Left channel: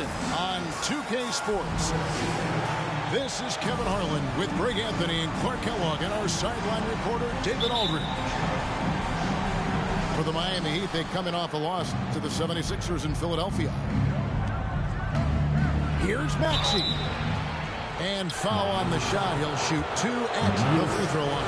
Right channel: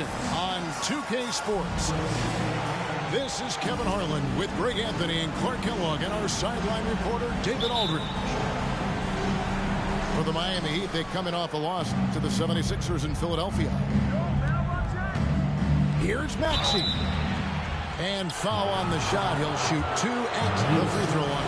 On 2K Sports. This is Kevin Harlan with Greg Anthony and Clark Kellogg and our sideline reporter, David Aldridge. For the Miami Heat, they come in off a loss to the 76ers in Philadelphia. Here's Maxey. And foul on the shot. He'll shoot 2 at the free throw line.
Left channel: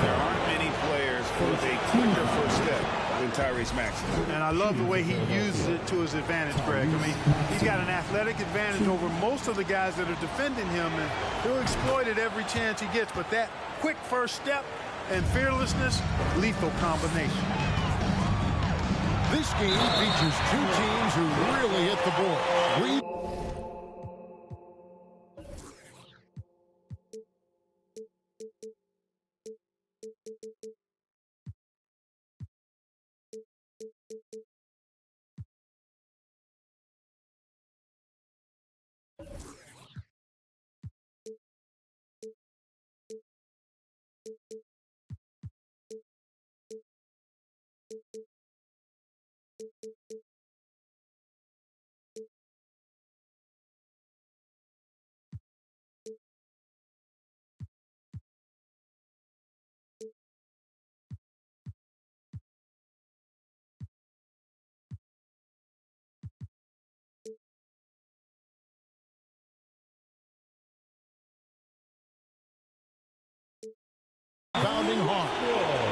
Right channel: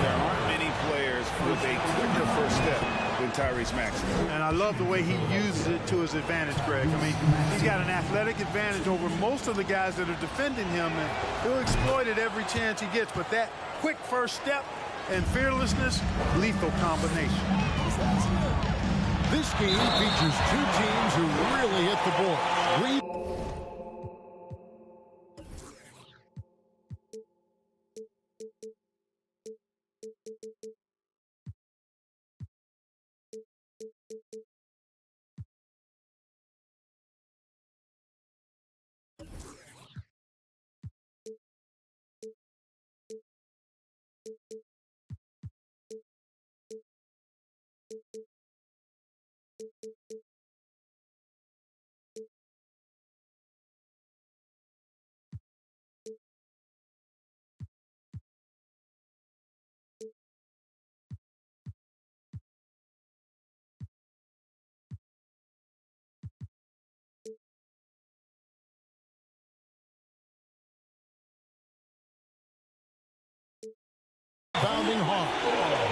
There aren't many players with a quicker first step than Tyrese Maxey. And I love the way he uses it to his advantage, Greg. I mean, he's got an athletic advantage over most of the guys that are defending him, and he'll exploit it every chance he gets. But that quick first step and fearlessness, lethal combination. This game features two teams who really hit the board. Bounding hard.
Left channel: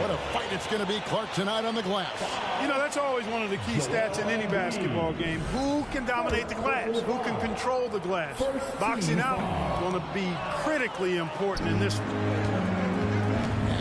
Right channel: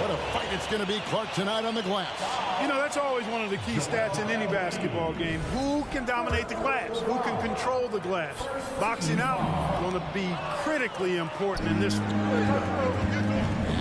What a fight it's going to be, Clark, tonight on the glass. You know, that's always one of the key stats in any basketball game. Who can dominate the glass? Who can control the glass? Boxing out going to be critically important in this one.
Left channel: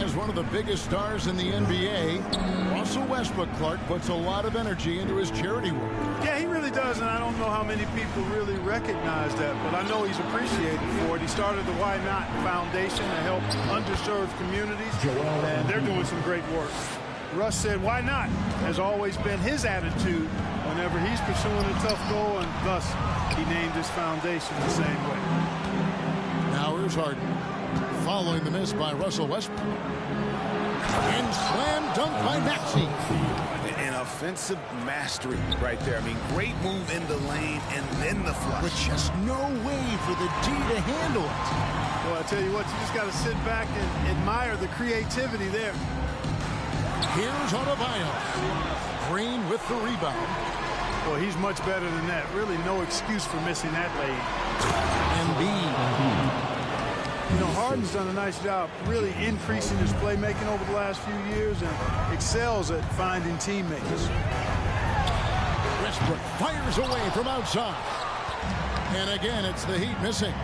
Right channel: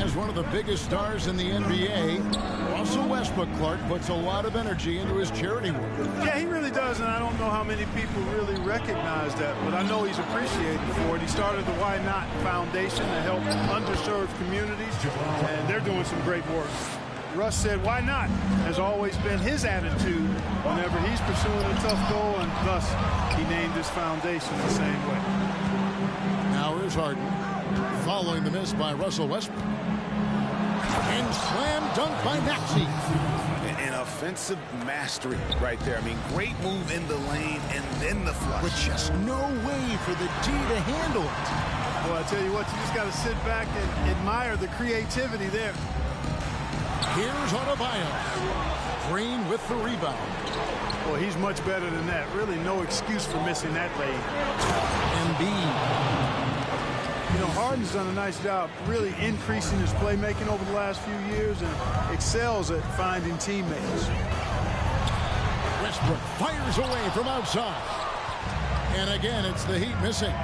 As one of the biggest stars in the NBA, Russell Westbrook, Clark, puts a lot of energy into his charity work. Yeah, he really does, and I don't know how many people really recognize that, but I know he's appreciated for it. He started the Why Not Foundation to help underserved communities, and they're doing some great work. Russ said, why not, has always been his attitude whenever he's pursuing a tough goal, and thus he named his foundation the same way. Now here's Harden, following the miss by Russell Westbrook. And slam dunk by Maxey. An offensive mastery right there. I mean, great move in the lane and then the flush. With just no way for the D to handle it. Well, I tell you what, you just got to sit back and admire the creativity there. Here's Adebayo. Green with the rebound. Well, he's much better than that. Really no excuse for missing that lane. Embiid. You know, Harden's done a nice job really increasing his playmaking over the last few years and excels at finding teammates. Westbrook fires away from outside. And again, it's the Heat missing.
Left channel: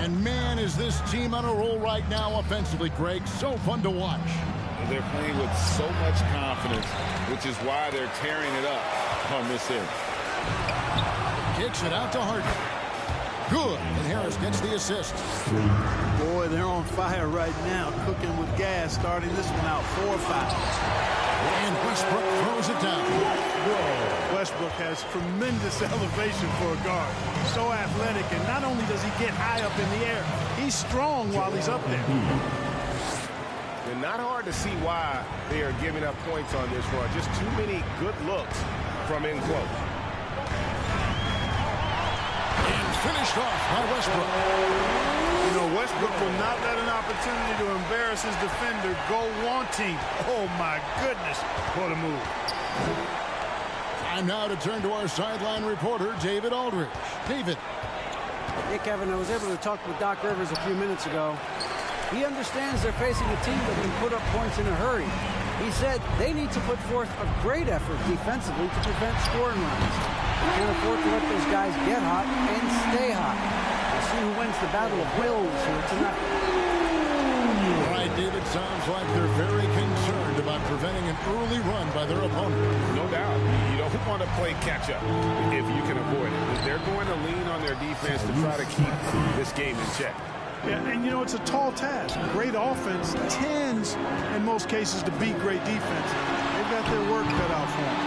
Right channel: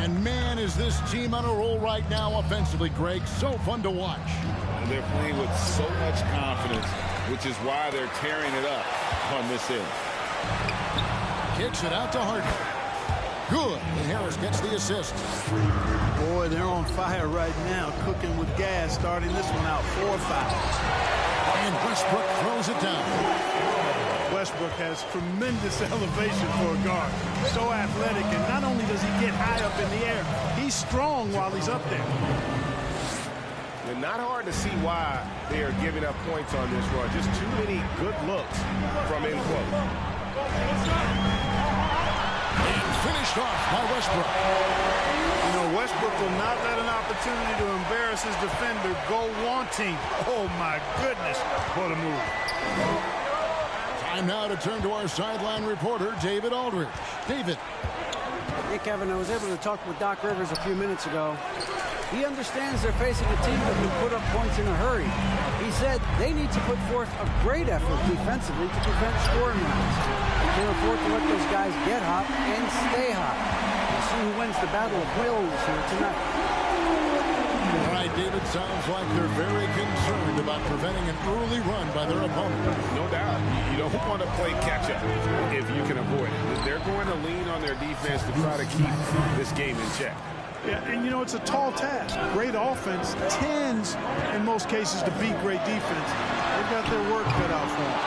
And man, is this team on a roll right now offensively, Greg. So fun to watch. They're playing with so much confidence, which is why they're tearing it up on this end. Kicks it out to Harden. Good, and Harris gets the assist. Boy, they're on fire right now, cooking with gas, starting this one out 4 fouls. And Westbrook throws it down. Westbrook has tremendous elevation for a guard. So athletic, and not only does he get high up in the air, he's strong while he's up there. And not hard to see why they are giving up points on this run. Just too many good looks from in close. And finished off by Westbrook. You know, Westbrook will not let an opportunity to embarrass his defender go wanting. Oh, my goodness. What a move. Time now to turn to our sideline reporter, David Aldridge. David. Hey, Kevin, I was able to talk with Doc Rivers a few minutes ago. He understands they're facing a team that can put up points in a hurry. He said they need to put forth a great effort defensively to prevent scoring runs. They can't afford to let those guys get hot and stay hot. We'll see who wins the battle of wills here tonight. All right, David, sounds like they're very concerned about preventing an early run by their opponent. No doubt. You don't want to play catch-up if you can avoid it. They're going to lean on their defense to try to keep this game in check. Yeah, and you know, it's a tall task. Great offense tends, in most cases, to beat great defense. They've got their work cut out for them.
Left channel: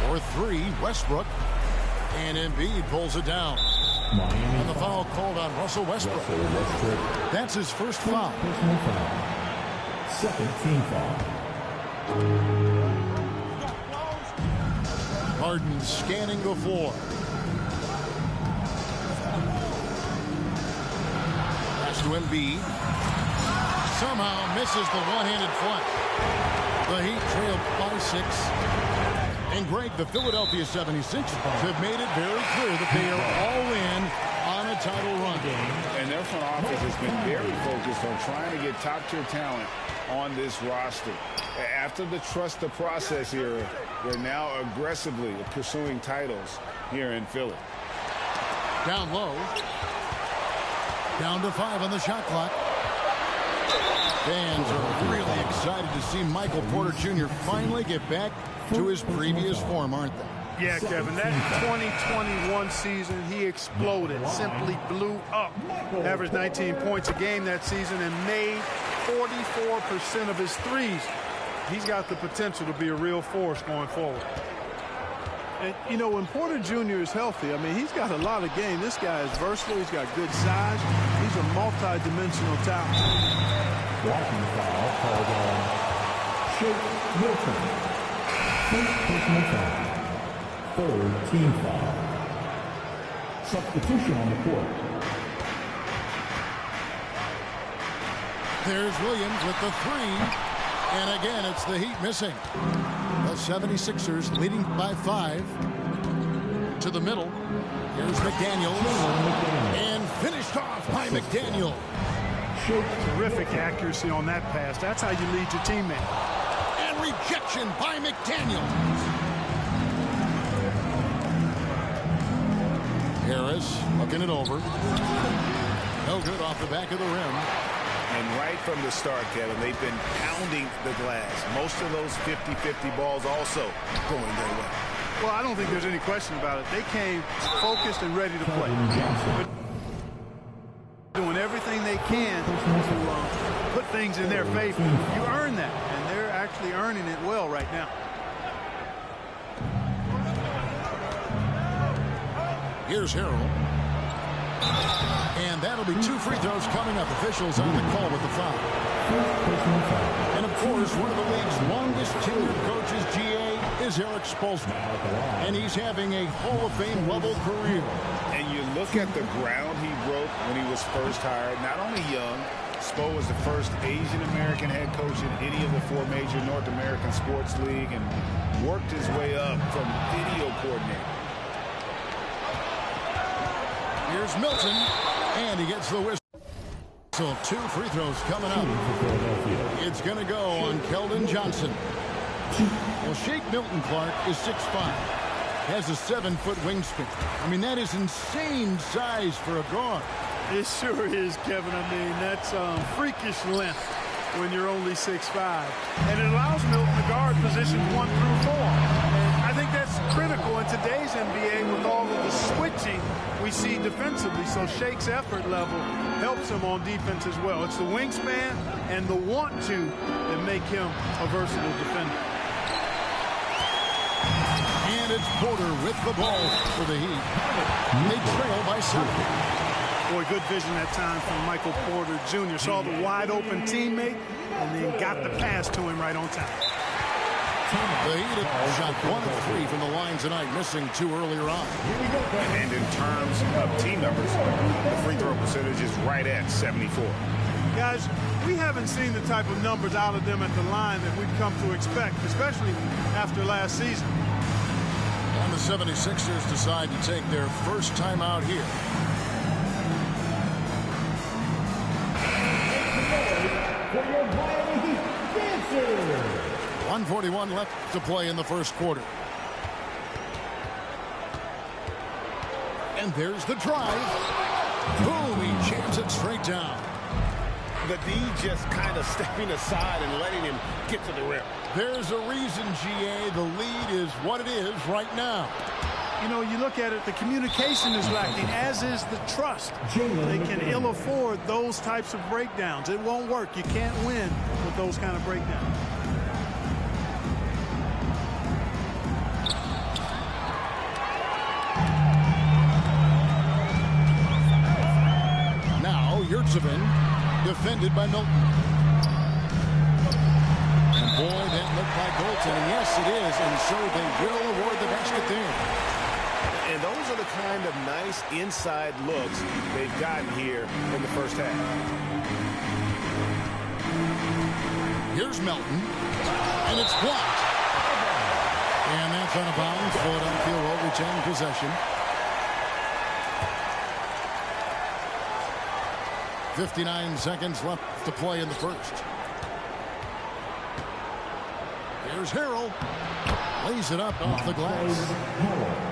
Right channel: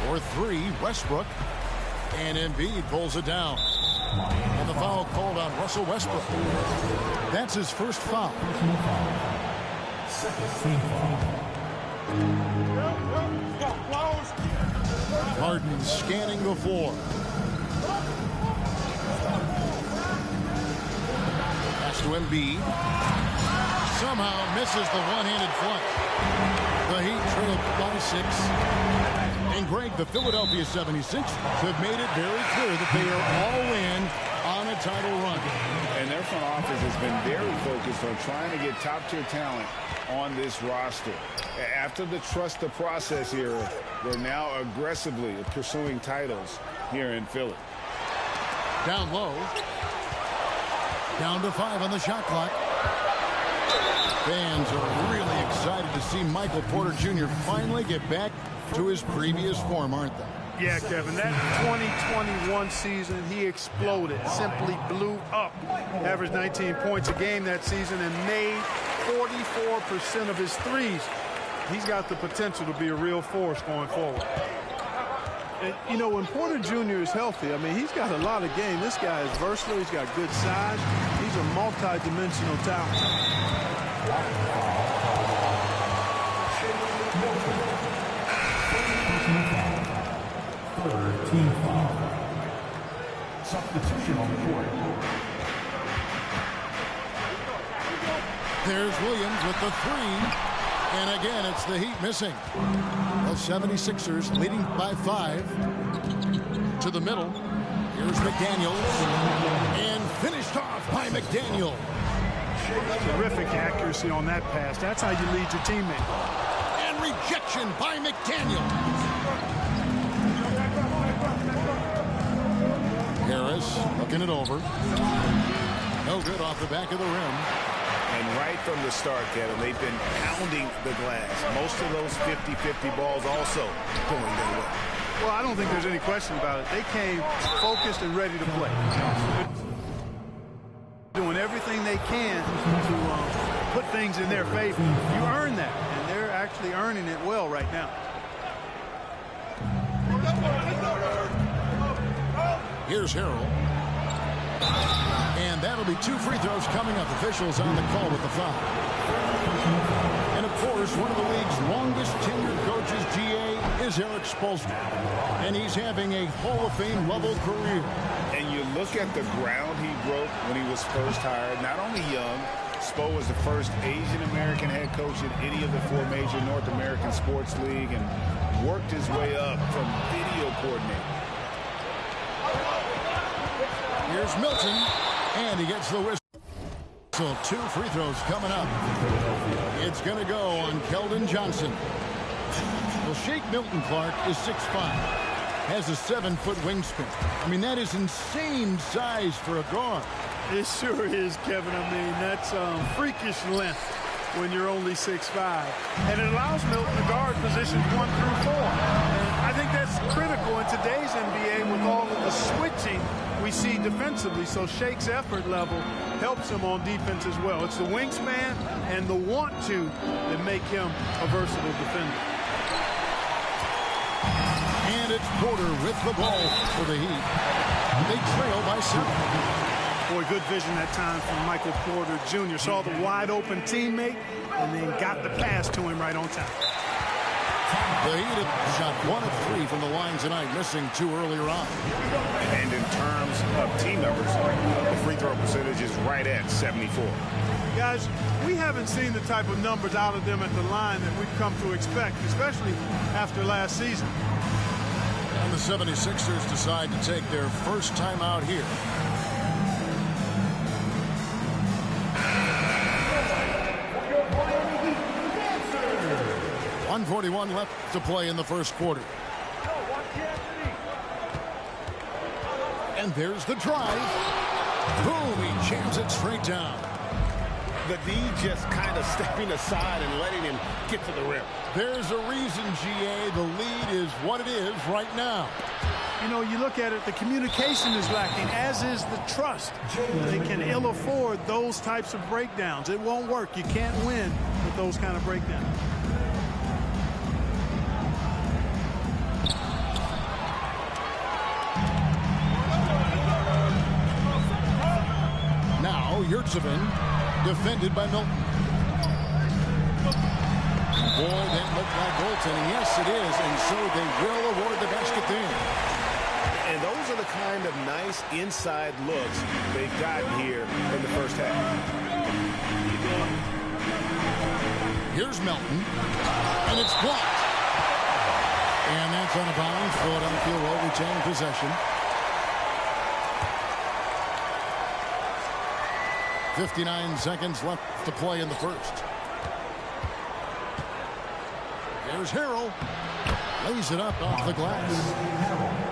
For three, Westbrook. And Embiid pulls it down. And the foul called on Russell Westbrook. That's his first foul. Second team foul. Harden scanning the floor. Pass to Embiid. Somehow misses the one-handed flush. The Heat trailed by 6. And Greg, the Philadelphia 76ers have made it very clear that they are all in on a title run. And their front office has been very focused on trying to get top-tier talent on this roster. After the trust the process era, they're now aggressively pursuing titles here in Philly. Down low. Down to 5 on the shot clock. Fans are really excited to see Michael Porter Jr. finally get back to his previous form, aren't they? Yeah, Kevin, that 2021 season, he exploded, simply blew up. Averaged 19 points a game that season and made 44% of his threes. He's got the potential to be a real force going forward. And, you know, when Porter Jr. is healthy, I mean, he's got a lot of game. This guy is versatile. He's got good size. He's a multi-dimensional talent. Blocking foul called on Shake Milton. First personal foul. Third team foul. Substitution on the court. There's Williams with the 3. And again, it's the Heat missing. The 76ers leading by 5. To the middle. Here's McDaniels. And finished off by McDaniels. Terrific accuracy on that pass. That's how you lead your teammate. And rejection by McDaniels. Harris looking it over. No good off the back of the rim. And right from the start, Kevin, they've been pounding the glass. Most of those 50-50 balls also going their way. Well, I don't think there's any question about it. They came focused and ready to play. But doing everything they can to put things in their favor. You earn that, and they're actually earning it well right now. Here's Harrell. And that'll be 2 free throws coming up. Officials on the call with the foul. And, of course, one of the league's longest tenured coaches, GA, is Eric Spoelstra. And he's having a Hall of Fame level career. And you look at the ground he broke when he was first hired. Not only young, Spo was the first Asian-American head coach in any of the 4 major North American sports league and worked his way up from video coordinator. Here's Milton, and he gets the whistle. So 2 free throws coming up. It's going to go on Keldon Johnson. Well, Shake Milton Clark is 6'5", has a 7-foot wingspan. I mean, that is insane size for a guard. It sure is, Kevin. I mean, that's freakish length when you're only 6'5". And it allows Milton to guard positions 1 through 4. And I think that's critical in today's NBA with all of the switching we see defensively. So Shake's effort level helps him on defense as well. It's the wingspan and the want to that make him a versatile defender. And it's Porter with the ball for the Heat. They trail by 7. Boy, good vision that time from Michael Porter Jr. Saw the wide open teammate and then got the pass to him right on time. The Heat have shot 1 of 3 from the line tonight, missing 2 earlier on. And in terms of team numbers, the free throw percentage is right at 74. Guys, we haven't seen the type of numbers out of them at the line that we've come to expect, especially after last season. And the 76ers decide to take their first time out here. For your Miami Heat dancers. 1:41 left to play in the first quarter. And there's the drive. Boom, he jams it straight down. The D just kind of stepping aside and letting him get to the rim. There's a reason, GA, the lead is what it is right now. You know, you look at it, the communication is lacking, as is the trust. They can ill afford those types of breakdowns. It won't work. You can't win with those kind of breakdowns. Now, Yurtseven, defended by Milton. Boy, that looked like goaltending. Yes, it is, and so they will award the basket there. And those are the kind of nice inside looks they've gotten here in the first half. Here's Melton, and it's blocked. And that's on a bounce. Philadelphia will retain possession. 59 seconds left to play in the first. Here's Harrell. Lays it up off the glass.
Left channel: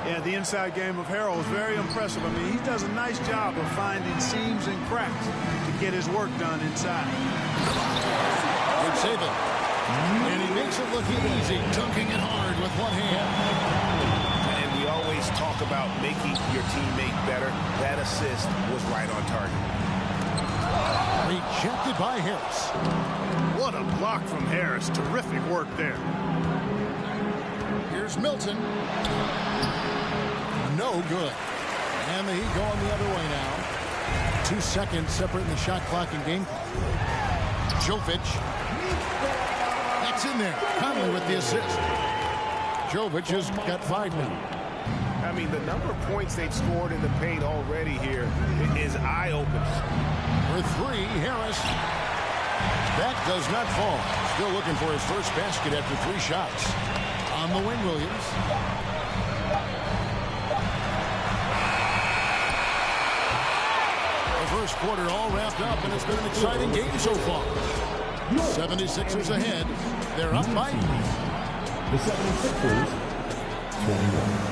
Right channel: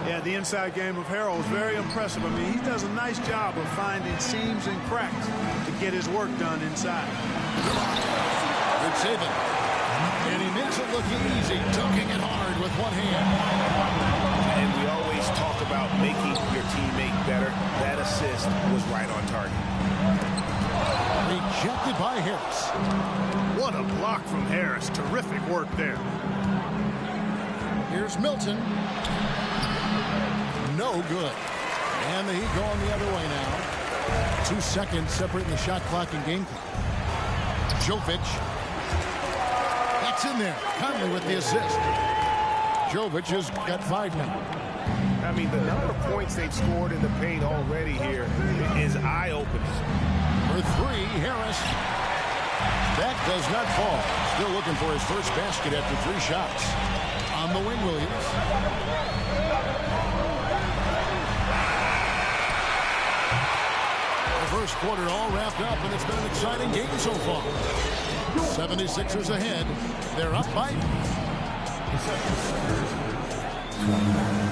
Yeah, the inside game of Harrell is very impressive. I mean, he does a nice job of finding seams and cracks to get his work done inside. Good saving. And he makes it look easy, dunking it hard with one hand. And we always talk about making your teammate better. That assist was right on target. Rejected by Harris. What a block from Harris. Terrific work there. Here's Milton. No good. And the Heat going the other way now. 2 seconds separating the shot clock and game clock. Jovic. That's in there. Conley with the assist. Jovic has got 5 now. I mean, the number of points they've scored in the paint already here is eye-opening. For 3, Harris. That does not fall. Still looking for his first basket after 3 shots. On the wing, Williams. The first quarter all wrapped up, and it's been an exciting game so far. 76ers ahead. They're up by. The 76ers, 21.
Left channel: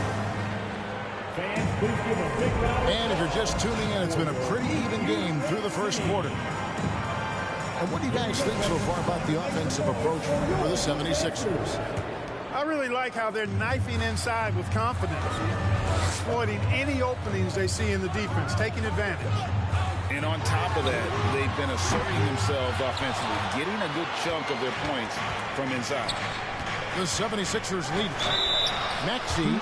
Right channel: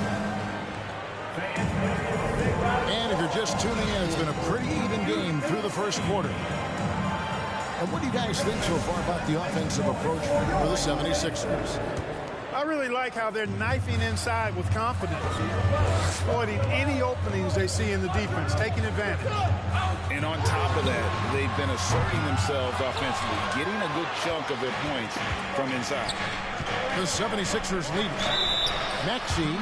And if you're just tuning in, it's been a pretty even game through the first quarter. And what do you guys think so far about the offensive approach for the 76ers? I really like how they're knifing inside with confidence, exploiting any openings they see in the defense, taking advantage. And on top of that, they've been asserting themselves offensively, getting a good chunk of their points from inside. The 76ers lead. Maxey.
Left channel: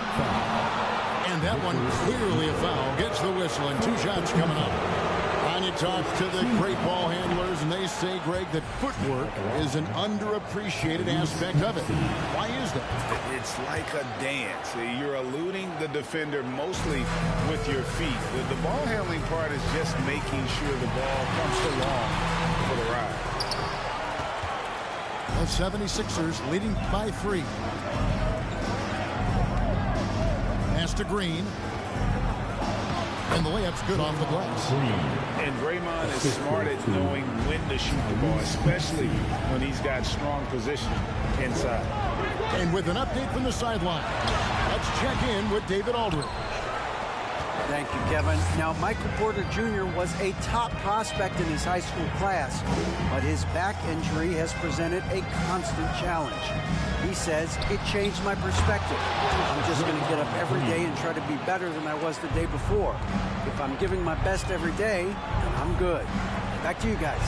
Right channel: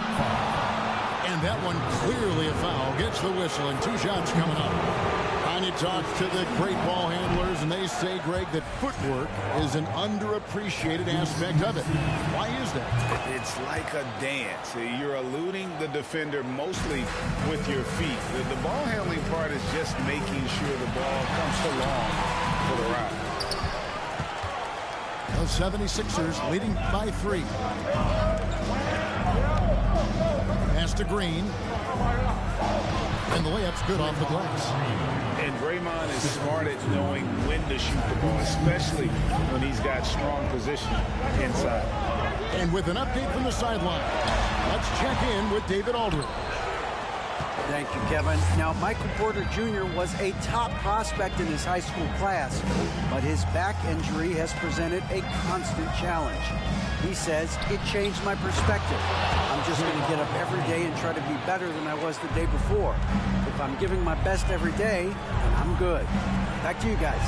And that one clearly a foul. Gets the whistle, and 2 shots coming up. And you talk to the great ball handlers, and they say, Greg, that footwork is an underappreciated aspect of it. Why is that? It's like a dance. You're eluding the defender mostly with your feet. The ball handling part is just making sure the ball comes along for the ride. The 76ers leading by 3. Pass to Green. And the layup's good off the glass. And Draymond is smart at knowing when to shoot the ball, especially when he's got strong position inside. And with an update from the sideline, let's check in with David Aldridge. Thank you, Kevin. Now, Michael Porter Jr. was a top prospect in his high school class, but his back injury has presented a constant challenge. He says, it changed my perspective. I'm just going to get up every day and try to be better than I was the day before. If I'm giving my best every day, then I'm good. Back to you guys.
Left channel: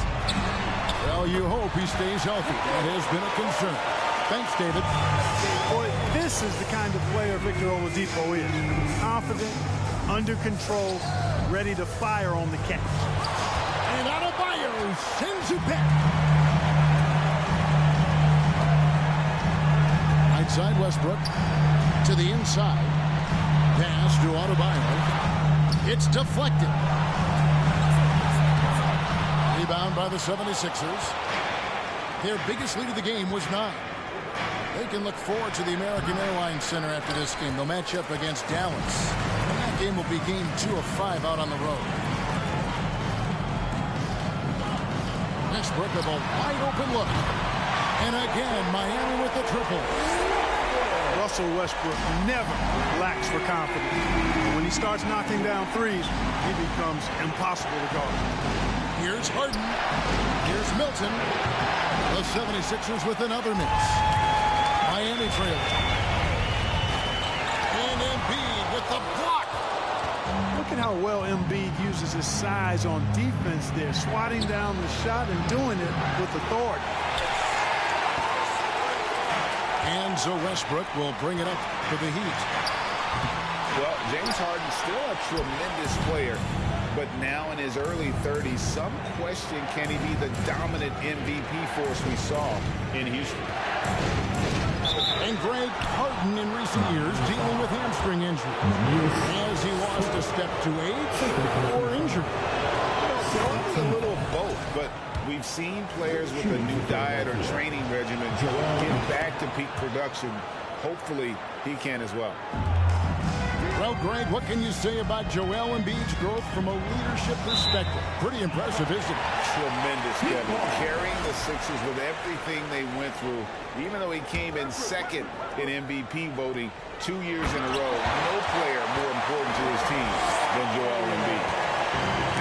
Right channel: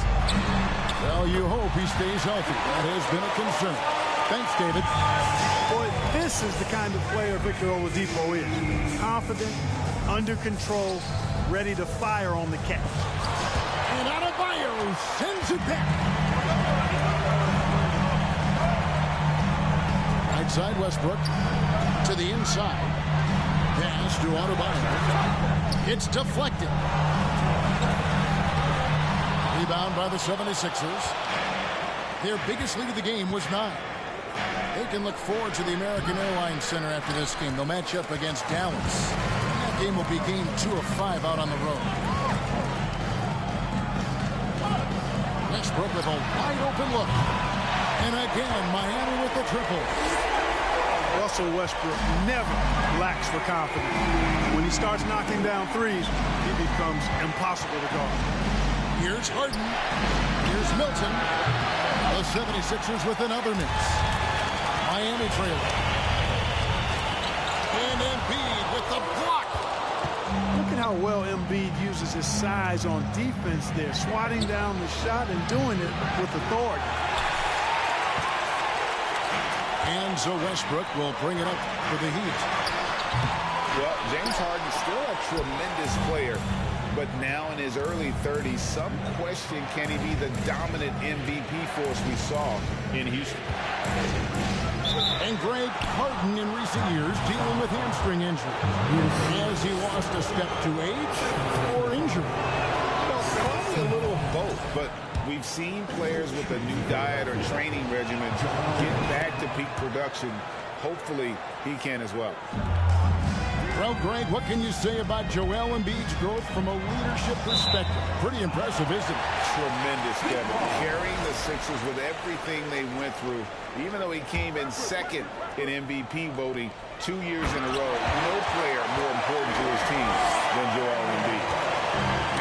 Well, you hope he stays healthy. That has been a concern. Thanks, David. Boy, this is the kind of player Victor Oladipo is. Confident, under control, ready to fire on the catch. And Adebayo sends it back. Right side, Westbrook to the inside. Pass to Adebayo. It's deflected. Rebound by the 76ers. Their biggest lead of the game was 9. They can look forward to the American Airlines Center after this game. They'll match up against Dallas. And that game will be game 2 of 5 out on the road. Westbrook with a wide open look. And again, Miami with the triple. Russell Westbrook never lacks for confidence. When he starts knocking down threes, he becomes impossible to guard. Here's Harden. Here's Milton. The 76ers with another miss. Miami trailing. And Embiid with the block. Look at how well Embiid uses his size on defense there, swatting down the shot and doing it with authority. And so Westbrook will bring it up for the Heat. Well, James Harden's still a tremendous player, but now in his early 30s, some question, can he be the dominant MVP force we saw in Houston? And Greg Harden in recent years dealing with hamstring injury. Has he lost a step to age or injury? You know, probably a little of both, but we've seen players with a new diet or training regimen get back to peak production. Hopefully, he can as well. Well, Greg, what can you say about Joel Embiid's growth from a leadership perspective? Pretty impressive, isn't it? Tremendous, Kevin. Carrying the Sixers with everything they went through, even though he came in second in MVP voting 2 years in a row. No player more important to his team than Joel Embiid.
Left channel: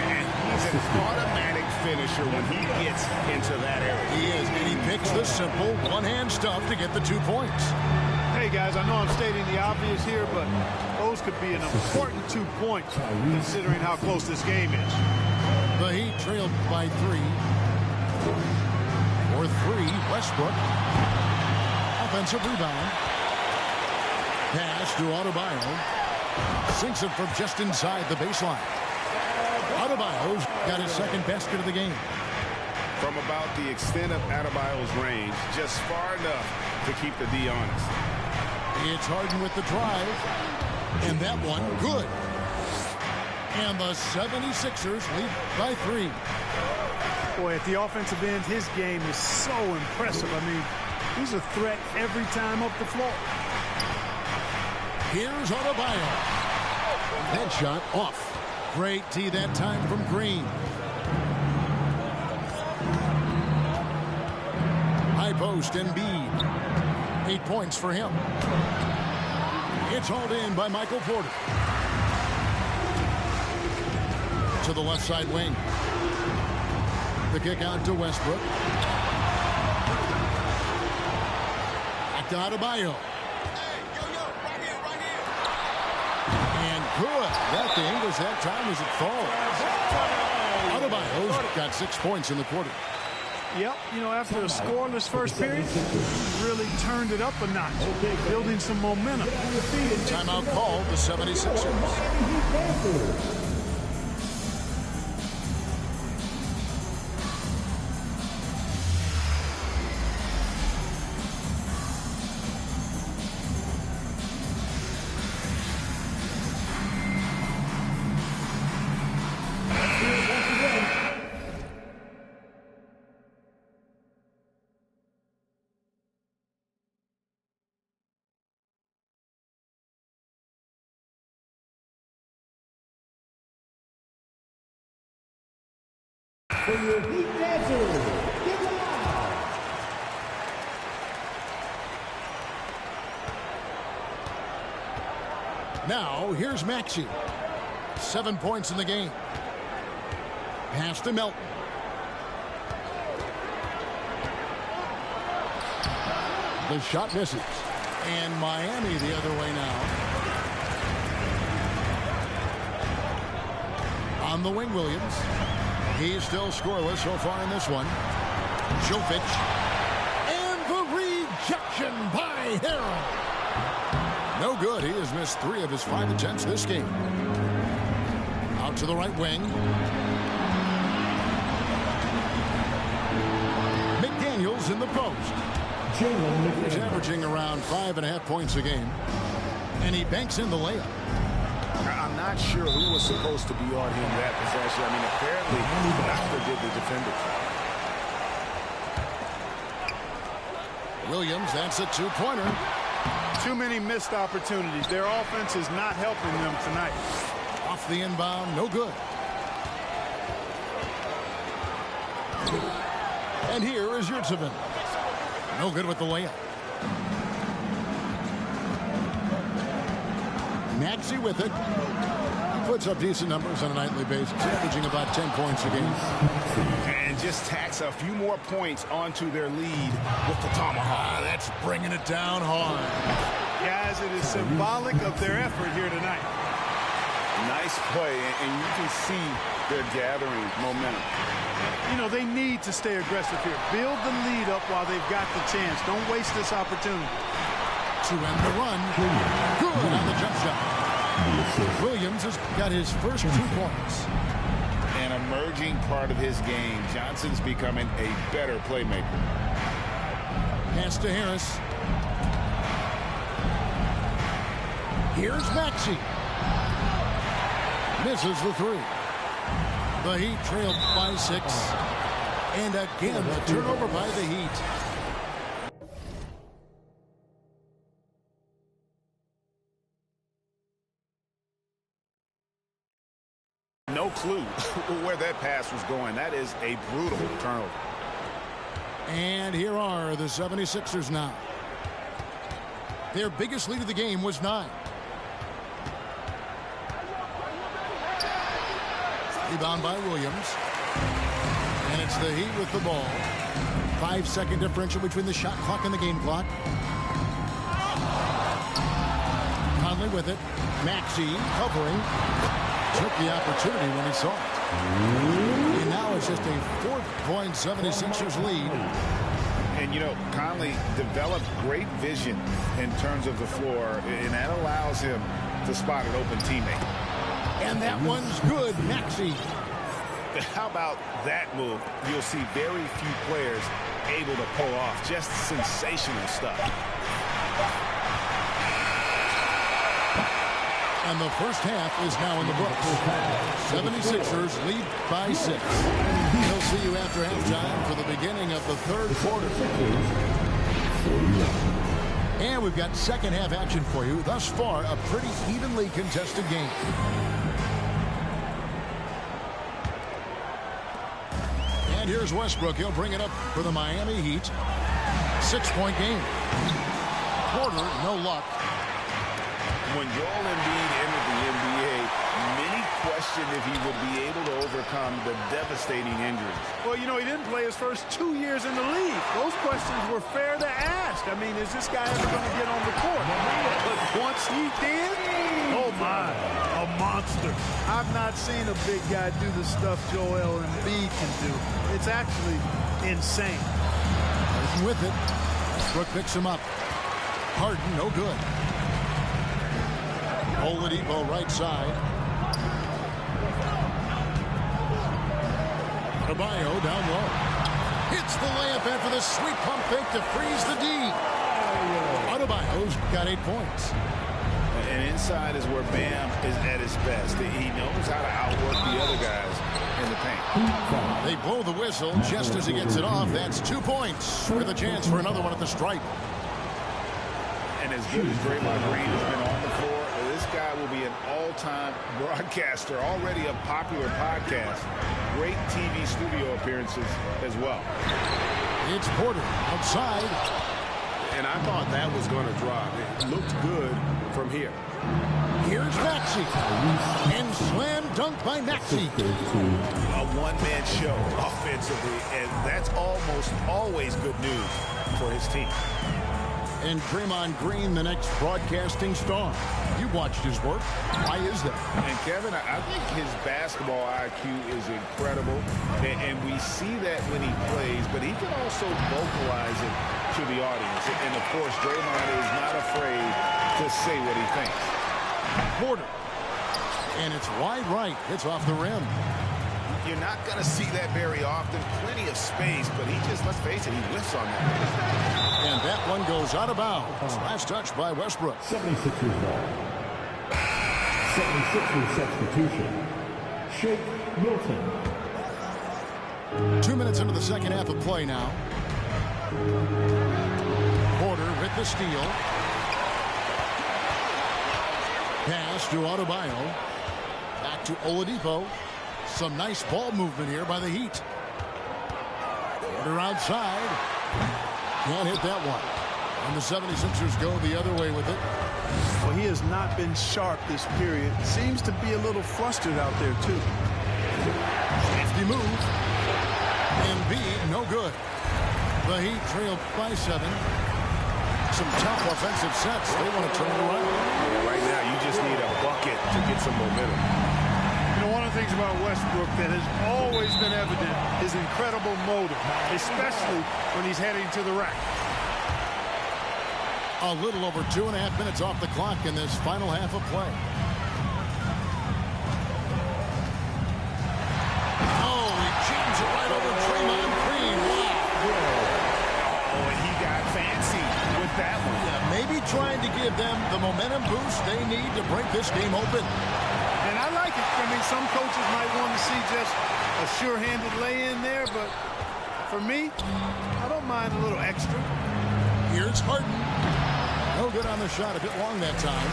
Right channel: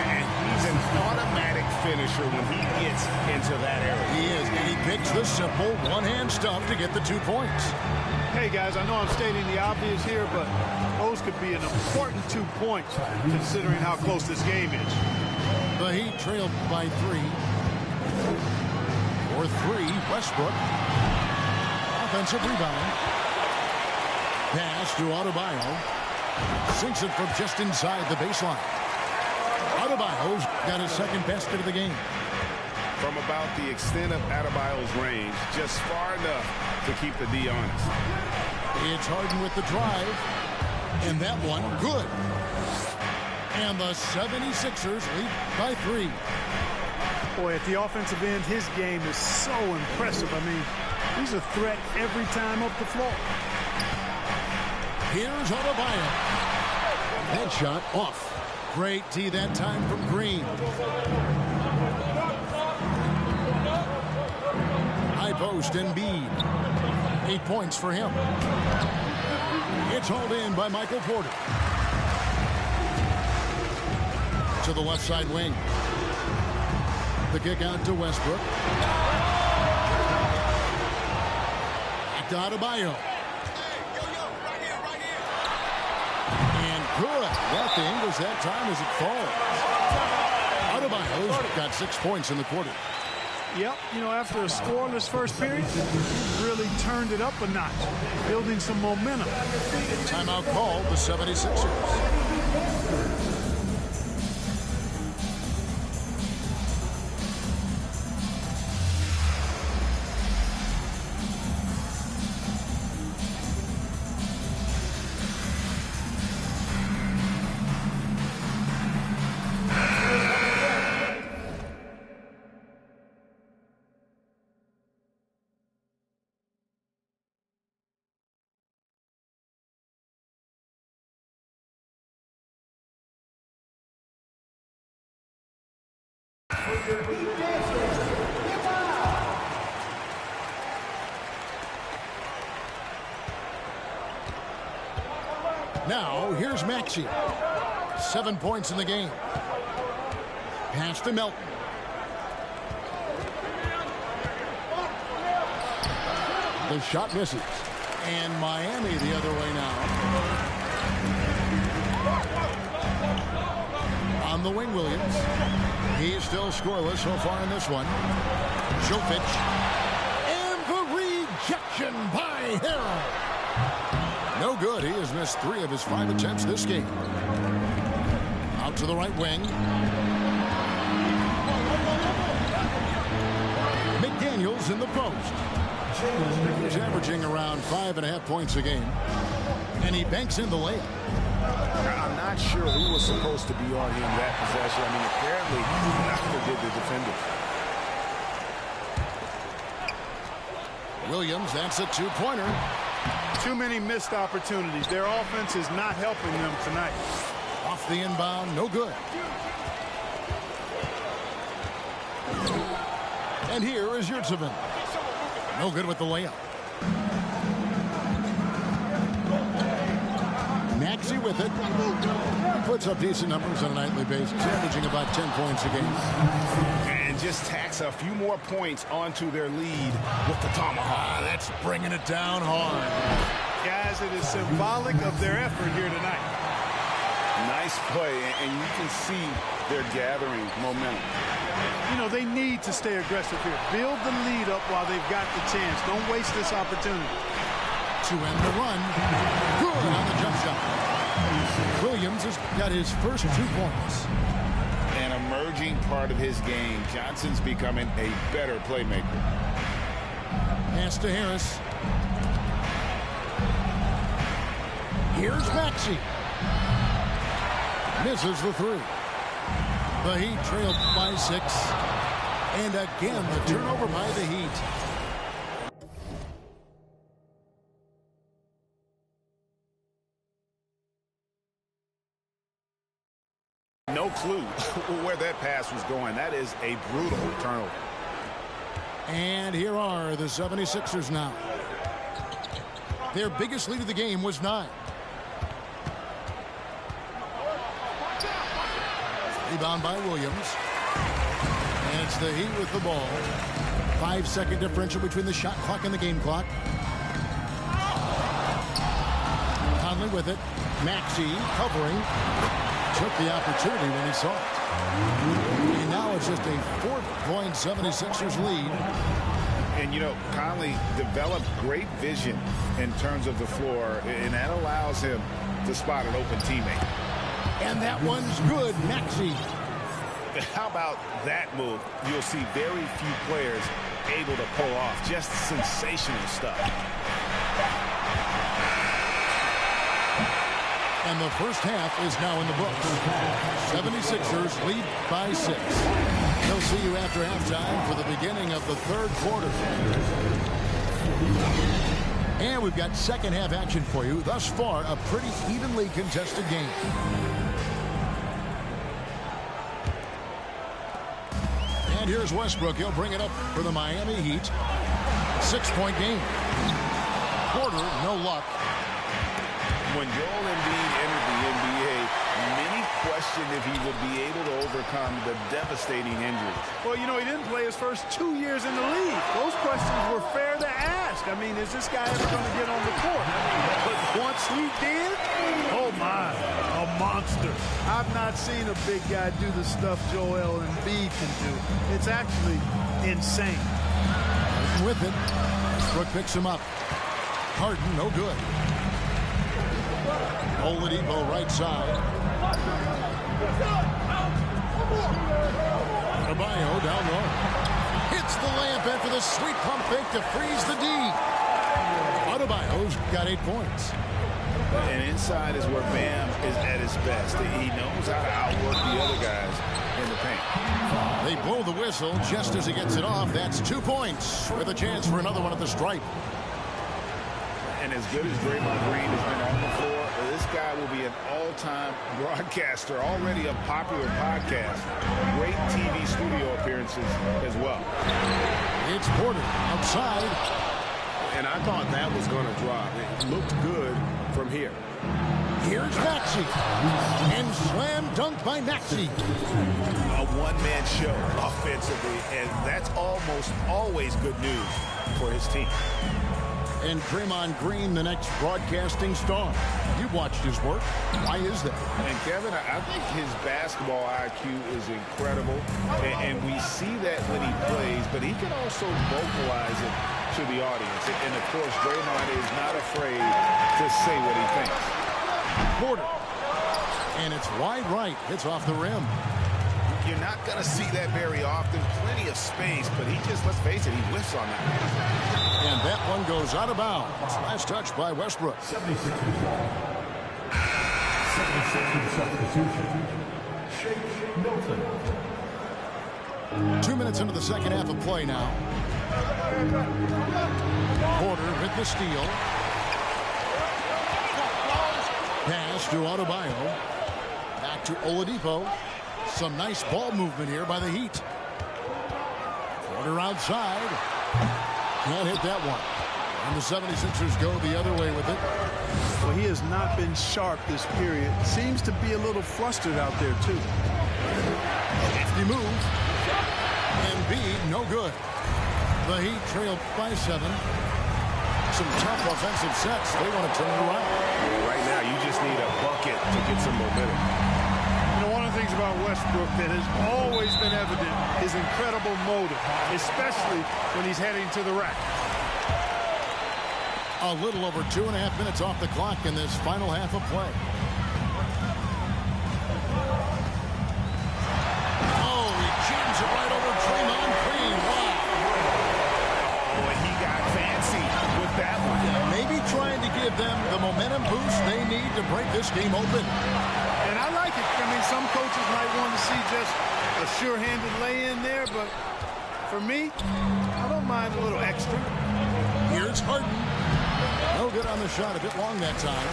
And he's an automatic finisher when he gets into that area. He is, and he picks the simple one-hand stuff to get the 2 points. Hey, guys, I know I'm stating the obvious here, but those could be an important 2 points considering how close this game is. The Heat trailed by 3. For 3, Westbrook. Offensive rebound. Pass to Adebayo. Sinks it from just inside the baseline. Adebayo's got his second basket of the game. From about the extent of Adebayo's range, just far enough to keep the D honest. It's Harden with the drive. And that one, good. And the 76ers lead by 3. Boy, at the offensive end, his game is so impressive. I mean, he's a threat every time up the floor. Here's Adebayo. That shot off. Great D that time from Green. High post, Embiid. 8 points for him. It's hauled in by Michael Porter. To the left side wing. The kick out to Westbrook. Back to Adebayo. And good. Got the English that time as it falls. Adebayo's got 6 points in the quarter. Yep, you know, after a scoreless first period, he really turned it up a notch, building some momentum. Timeout called the 76ers. For your Heat dancers, get loud! Now, here's Maxey. 7 points in the game. Pass to Melton. The shot misses. And Miami the other way now. On the wing, Williams. He's still scoreless so far in this one. Jovic. And the rejection by Harrell. No good. He has missed 3 of his 5 attempts this game. Out to the right wing. McDaniels in the post. He's averaging around 5.5 points a game. And he banks in the layup. I'm not sure who was supposed to be on him that possession. I mean, apparently, neither did the defenders. Williams, that's a 2-pointer. Too many missed opportunities. Their offense is not helping them tonight. Off the inbound, no good. And here is Yurtseven. No good with the layup. Maxey with it. He puts up decent numbers on a nightly basis, averaging about 10 points a game. And just tacks a few more points onto their lead with the tomahawk. That's bringing it down hard. Guys, it is symbolic of their effort here tonight. Nice play, and you can see they're gathering momentum. You know, they need to stay aggressive here. Build the lead up while they've got the chance. Don't waste this opportunity. To end the run. Good on the jump shot. Williams has got his first 2 points. an emerging part of his game. Johnson's becoming a better playmaker. Pass to Harris. Here's Maxey. Misses the three. The Heat trailed by 6. And again, the turnover by the Heat. No clue where that pass was going. That is a brutal turnover. And here are the 76ers now. Their biggest lead of the game was 9. Rebound by Williams. And it's the Heat with the ball. 5-second differential between the shot clock and the game clock. Conley with it. Maxey covering. Took the opportunity when he saw it. And now it's just a 4-point 76ers lead. And, you know, Conley developed great vision in terms of the floor, and that allows him to spot an open teammate. And that one's good, Maxey. How about that move? You'll see very few players able to pull off. Just sensational stuff. And the first half is now in the books. 76ers lead by 6. We'll see you after halftime for the beginning of the third quarter. And we've got second half action for you. Thus far, a pretty evenly contested game. And here's Westbrook. He'll bring it up for the Miami Heat. 6-point game. Porter, no luck. When Joel Embiid entered the NBA, many questioned if he would be able to overcome the devastating injuries. Well, you know, he didn't play his first 2 years in the league. Those questions were fair to ask. I mean, is this guy ever going to get on the court? But once he did, oh my, a monster. I've not seen a big guy do the stuff Joel Embiid can do. It's actually insane. With it, Westbrook picks him up. Harden, no good. Oladipo right side. Adebayo down low. Hits the layup after the sweet pump fake to freeze the D. Adebayo's got 8 points. And inside is where Bam is at his best. He knows how to outwork the other guys in the paint. They blow the whistle just as he gets it off. That's 2 points with a chance for another one at the stripe. And as good as Draymond Green has been on the floor, this guy will be an all-time broadcaster, already a popular podcast. Great TV studio appearances as well. It's Porter outside. And I thought that was going to drop. It looked good from here. Here's Maxey. And slam dunk by Maxey. A one-man show offensively, and that's almost always good news for his team. And Draymond Green, the next broadcasting star. You've watched his work. Why is that? And Kevin, I think his basketball IQ is incredible. And we see that when he plays, but he can also vocalize it to the audience. And of course, Draymond is not afraid to say what he thinks. Porter. And it's wide right. Hits off the rim. You're not going to see that very often. Plenty of space, but he just, let's face it, he whiffs on that. And that one goes out of bounds. Last touch by Westbrook. 76ers ball. 76ers substitution. Shake Milton. 2 minutes into the second half of play now. Porter with the steal. Pass to Adebayo. Back to Oladipo. Some nice ball movement here by the Heat. Porter outside. Can't hit that one. And the 76ers go the other way with it. Well, he has not been sharp this period. Seems to be a little flustered out there, too. Nifty move. Embiid, no good. The Heat trail by 7. Some tough offensive sets. They want to turn it around. Yeah, right now you just need a bucket to get some momentum. You know, one of the things about Westbrook that has always been evident is incredible motor, especially when he's heading to the rack. A little over 2.5 minutes off the clock in this final half of play. it right over Draymond Green. Wow. Oh, and he got fancy with that one. Yeah, maybe trying to give them the momentum boost they need to break this game open. And I like it. I mean, some coaches might want to see just a sure-handed lay-in there, but for me, I don't mind a little extra. Here's Harden. No good on the shot. A bit long that time.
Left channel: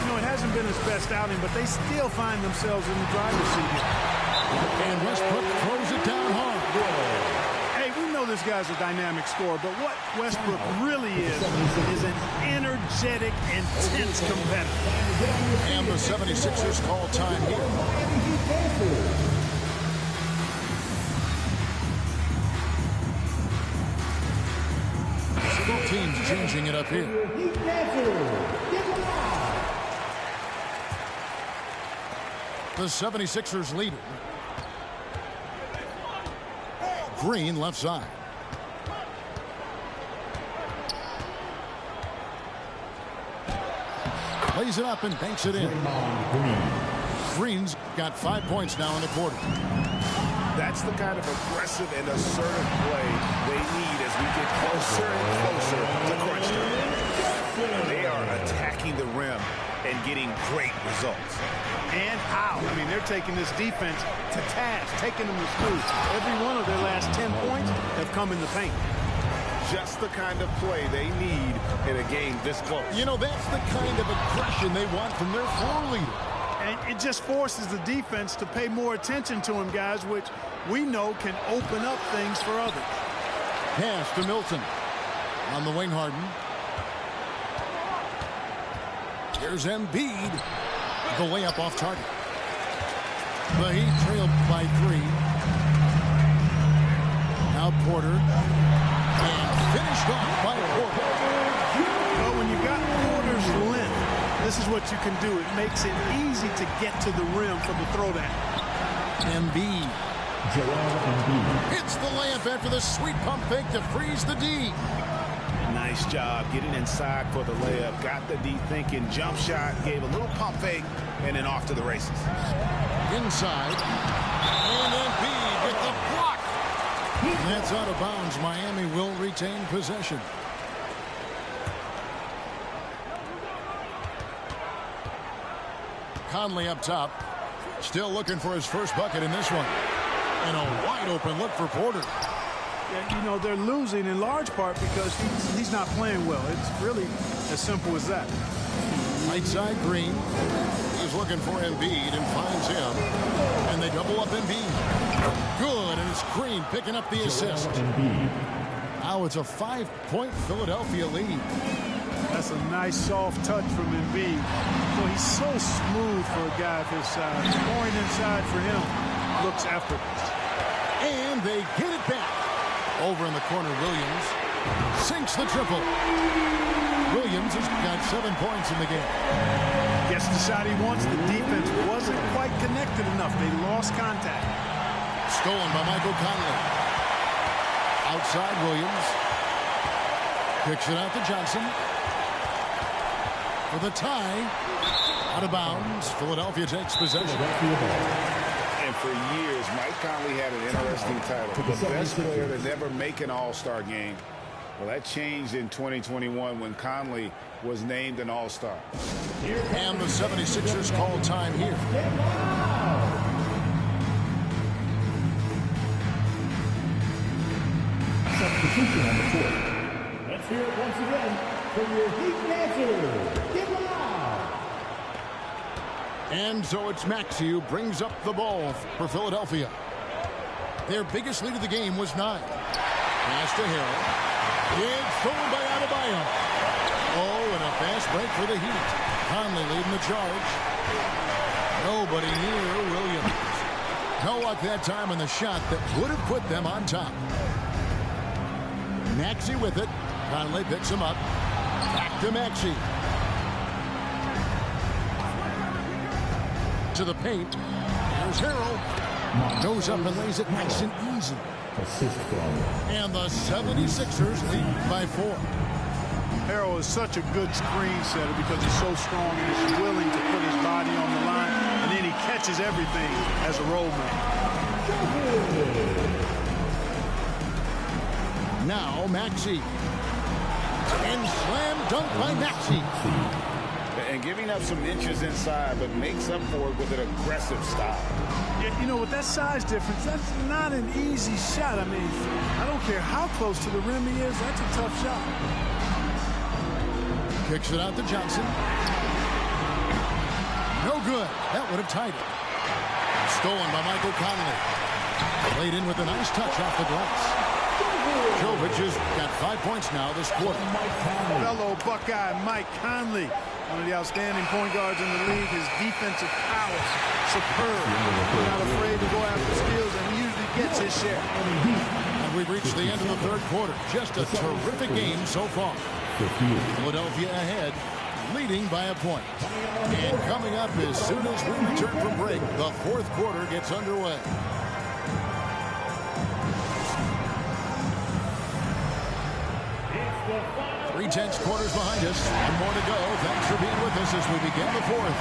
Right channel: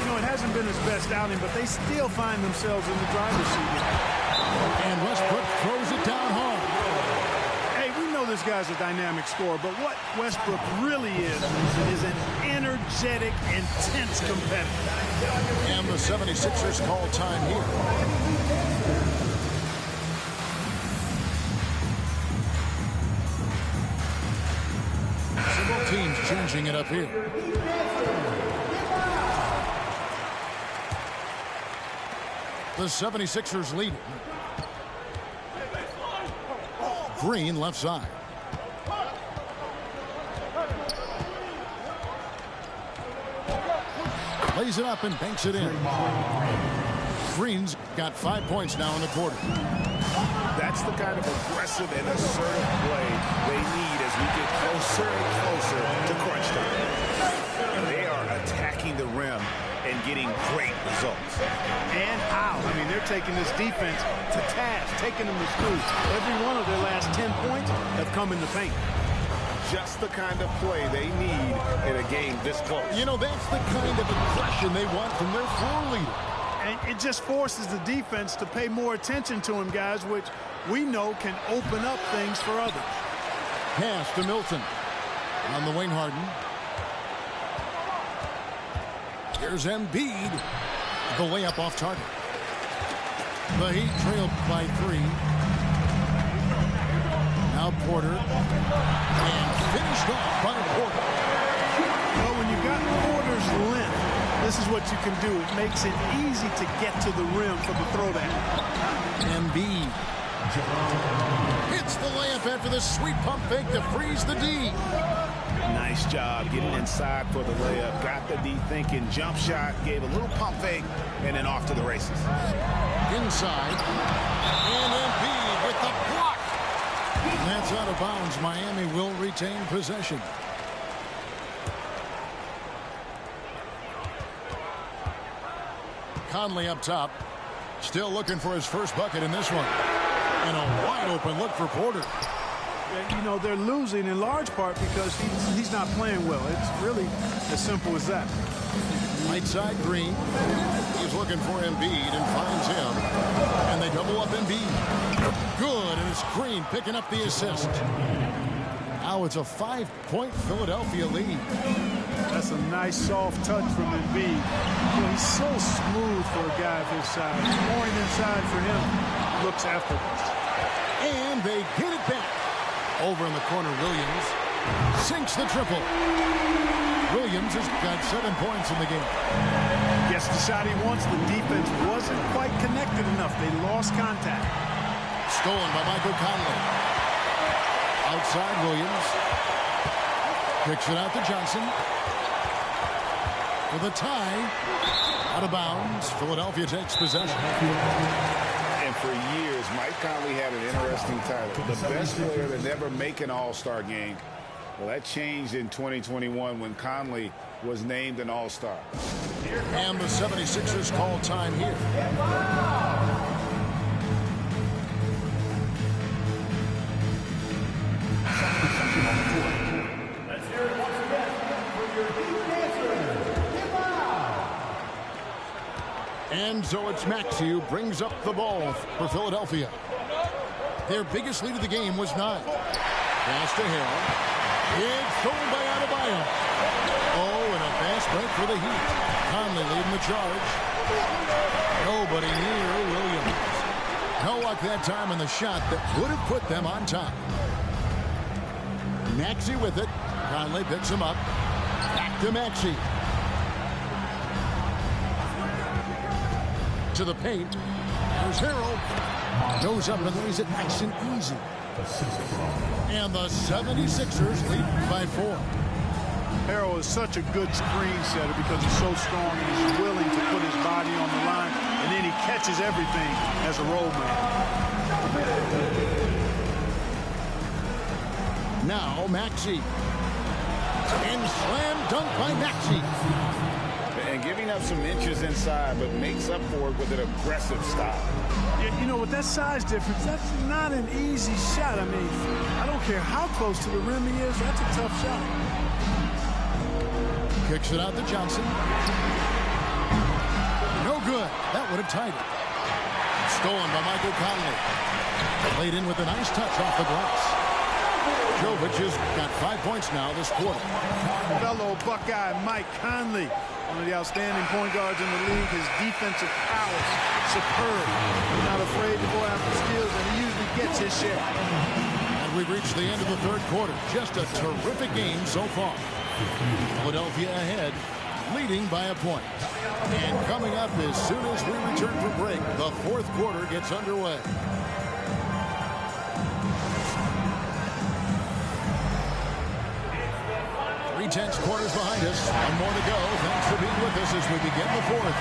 You know, it hasn't been his best outing, but they still find themselves in the driver's seat here. And Westbrook throws it down hard. Hey, we know this guy's a dynamic scorer, but what Westbrook really is an energetic, intense competitor. And the 76ers call time here. So both teams changing it up here. The 76ers lead it. Green left side. Lays it up and banks it in. Green's got 5 points now in the quarter. That's the kind of aggressive and assertive play they need as we get closer and closer to crunch time. And they are attacking the rim and getting great results. And how? I mean, they're taking this defense to task, taking them to school. Every one of their last 10 points have come in the paint. Just the kind of play they need in a game this close. You know, that's the kind of aggression they want from their floor leader. And it just forces the defense to pay more attention to him, guys, which we know can open up things for others. Pass to Milton. On the wing, Harden. Here's Embiid. The layup off target. The Heat trailed by 3. Now Porter. And finished off by Porter. Well, when you've got Porter's length, this is what you can do. It makes it easy to get to the rim for the throwdown. Embiid. Hits the layup after the sweet pump fake to freeze the D. Nice job getting inside for the layup. Got the D thinking. Jump shot. Gave a little pump fake. And then off to the races. Inside. And Embiid with the block. And that's out of bounds. Miami will retain possession. Conley up top. Still looking for his first bucket in this one. And a wide open look for Porter. Yeah, you know, they're losing in large part because he's not playing well. It's really as simple as that. Right side, Green. He's looking for Embiid and finds him. And they double up Embiid. Good, and it's Green picking up the assist. Now it's a 5-point Philadelphia lead. That's a nice soft touch from Embiid. Well, he's so smooth for a guy of his size. Scoring inside for him looks effortless. And they get it back. Over in the corner, Williams sinks the triple. Williams has got 7 points in the game. Gets the shot he wants. The defense wasn't quite connected enough. They lost contact. Stolen by Michael Conley. Outside, Williams. Kicks it out to Johnson. For the tie. Out of bounds. Philadelphia takes possession. And for years, Mike Conley had an interesting title. The best player to never make an All-Star game. Well, that changed in 2021 when Conley was named an All-Star. And the 76ers call time here. Let's hear it once again for your Heat dancers. Get loud! And so it's Maxey who brings up the ball for Philadelphia. Their biggest lead of the game was 9. Pass to Harrell. It's stolen by Adebayo. Oh, and a fast break for the Heat. Conley leading the charge. Nobody near Williams. No luck that time on the shot that would have put them on top. Maxey with it. Conley picks him up. Back to Maxey. To the paint. There's Harrell. Goes up and lays it nice and easy. Assist from. And the 76ers lead by 4. Harrell is such a good screen setter because he's so strong and he's willing to put his body on the line, and then he catches everything as a roll man. Now Maxey. And slam dunk by Maxey. And giving up some inches inside, but makes up for it with an aggressive stop. Yeah, you know, with that size difference, that's not an easy shot. I mean, I don't care how close to the rim he is, that's a tough shot. Kicks it out to Johnson. No good. That would have tied it. Stolen by Michael Conley. Played in with a nice touch off the glass. Jovic has got 5 points now this quarter. Fellow Buckeye Mike Conley, one of the outstanding point guards in the league. His defensive prowess, superb. He's not afraid to go after steals, and he usually gets his share. And we've reached the end of the third quarter. Just a terrific game so far. Philadelphia ahead, leading by a point. And coming up as soon as we return from break, the fourth quarter gets underway. 3/10 quarters behind us. One more to go. Thanks for being with us as we begin the fourth.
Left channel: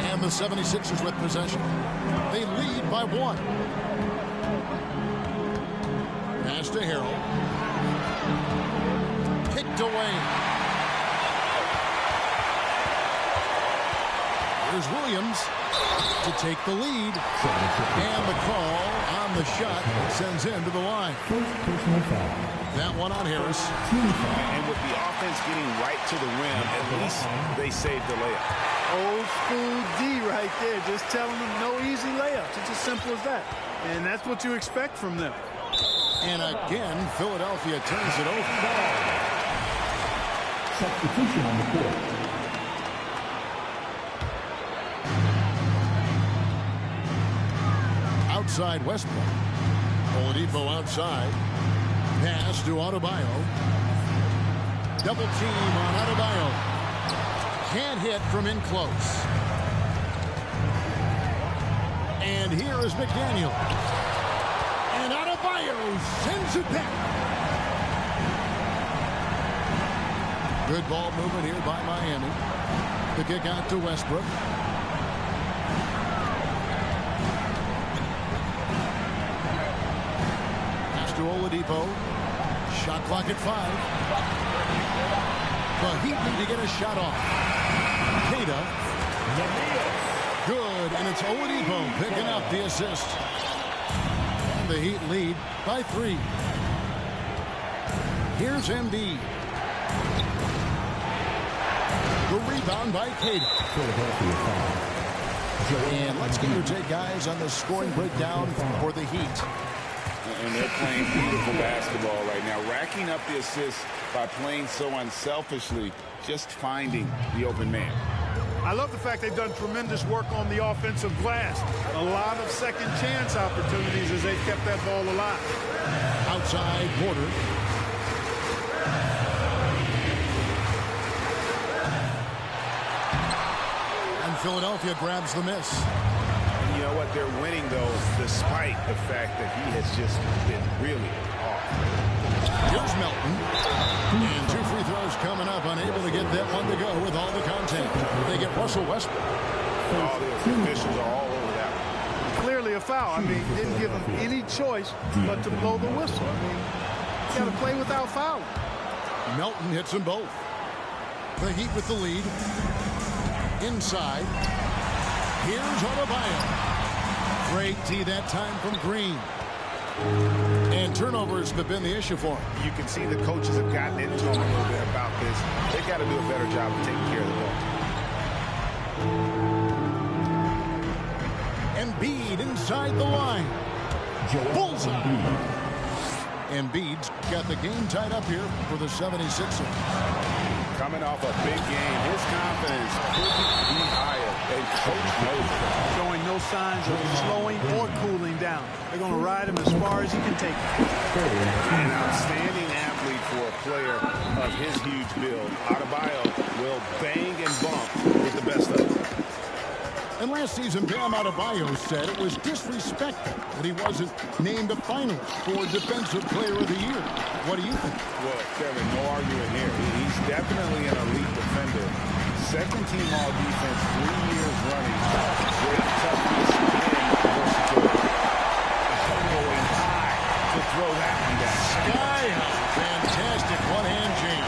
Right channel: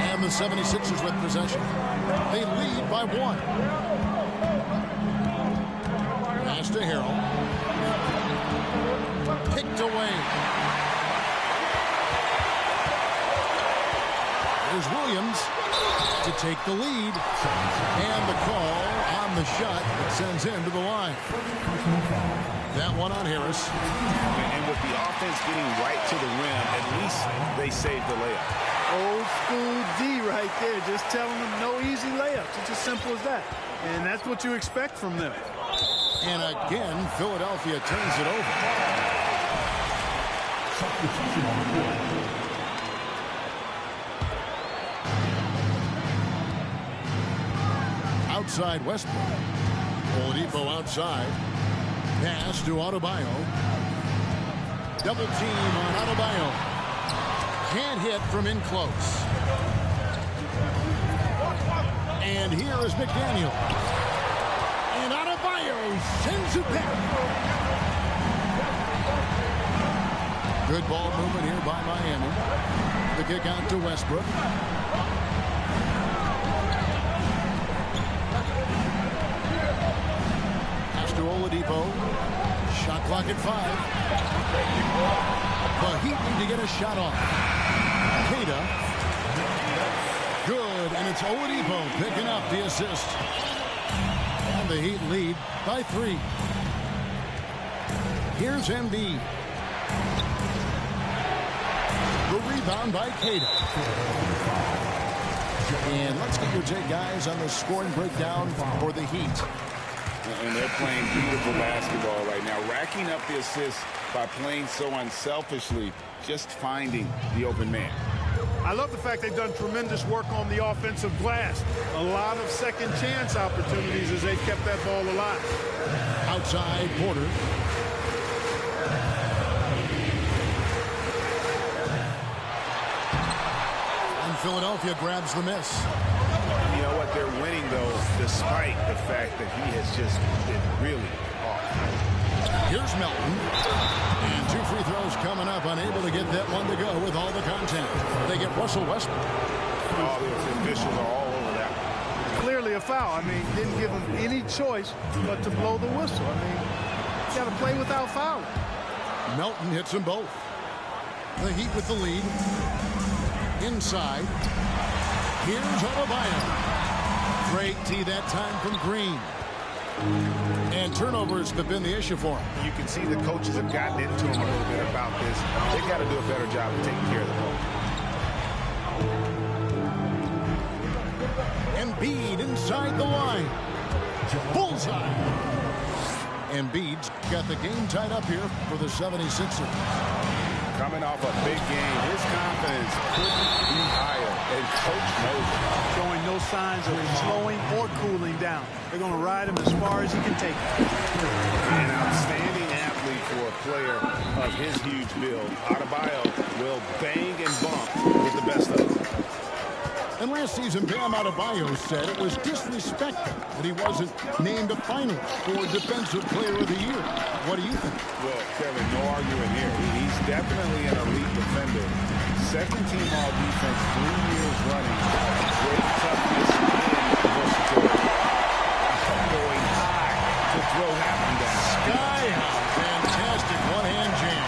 And the 76ers with possession. They lead by 1. Pass to Harrell. Kicked away. Here's Williams to take the lead. And the call on the shot that sends him to the line. That one on Harris. And with the offense getting right to the rim, at least they saved the layup. Old school D right there, just telling them no easy layups. It's as simple as that. And that's what you expect from them. And again, Philadelphia turns it over. Substitution on the court. Outside Westbrook. Oladipo outside. Pass to Adebayo. Double team on Adebayo. Can't hit from in close. And here is McDaniel. And Adebayo sends it back. Good ball movement here by Miami. The kick out to Westbrook. Pass to Oladipo. Shot clock at 5. The Heat need to get a shot off. Queta. Good, and it's Oladipo picking up the assist. And the Heat lead by 3. Here's Embiid. The rebound by Queta. And let's get your take, guys, on the scoring breakdown for the Heat. And they're playing beautiful basketball right now, racking up the assists by playing so unselfishly, just finding the open man. I love the fact they've done tremendous work on the offensive glass. A lot of second chance opportunities as they've kept that ball alive. Outside Porter. And Philadelphia grabs the miss. You know what? They're winning, though, despite the fact that he has just been really off. Here's Melton. And 2 free throws coming up, unable to get that one to go with all the contact. They get Russell Westbrook. All the officials are all over that one. Clearly a foul. I mean, didn't give him any choice but to blow the whistle. I mean, you got to play without fouling. Melton hits them both. The Heat with the lead. Inside. Here's Adebayo. Great tee that time from Green. And turnovers have been the issue for him. You can see the coaches have gotten into him a little bit about this. They've got to do a better job of taking care of the ball. Embiid inside the line. Bullseye. Embiid's got the game tied up here for the 76ers. Coming off a big game, his confidence couldn't be higher, and coach knows it. Showing no signs of slowing or cooling down. They're going to ride him as far as he can take him. An outstanding athlete for a player of his huge build. Adebayo will bang and bump with the best of them. And last season, Bam Adebayo said it was disrespectful that he wasn't named a finalist for Defensive Player of the Year. What do you think? Well, Kevin, no arguing here. He's definitely an elite defender. Second-team all-defense 3 years running. Great toughness and versatility. Going high to throw that one down. Sky high. Fantastic one-hand jam.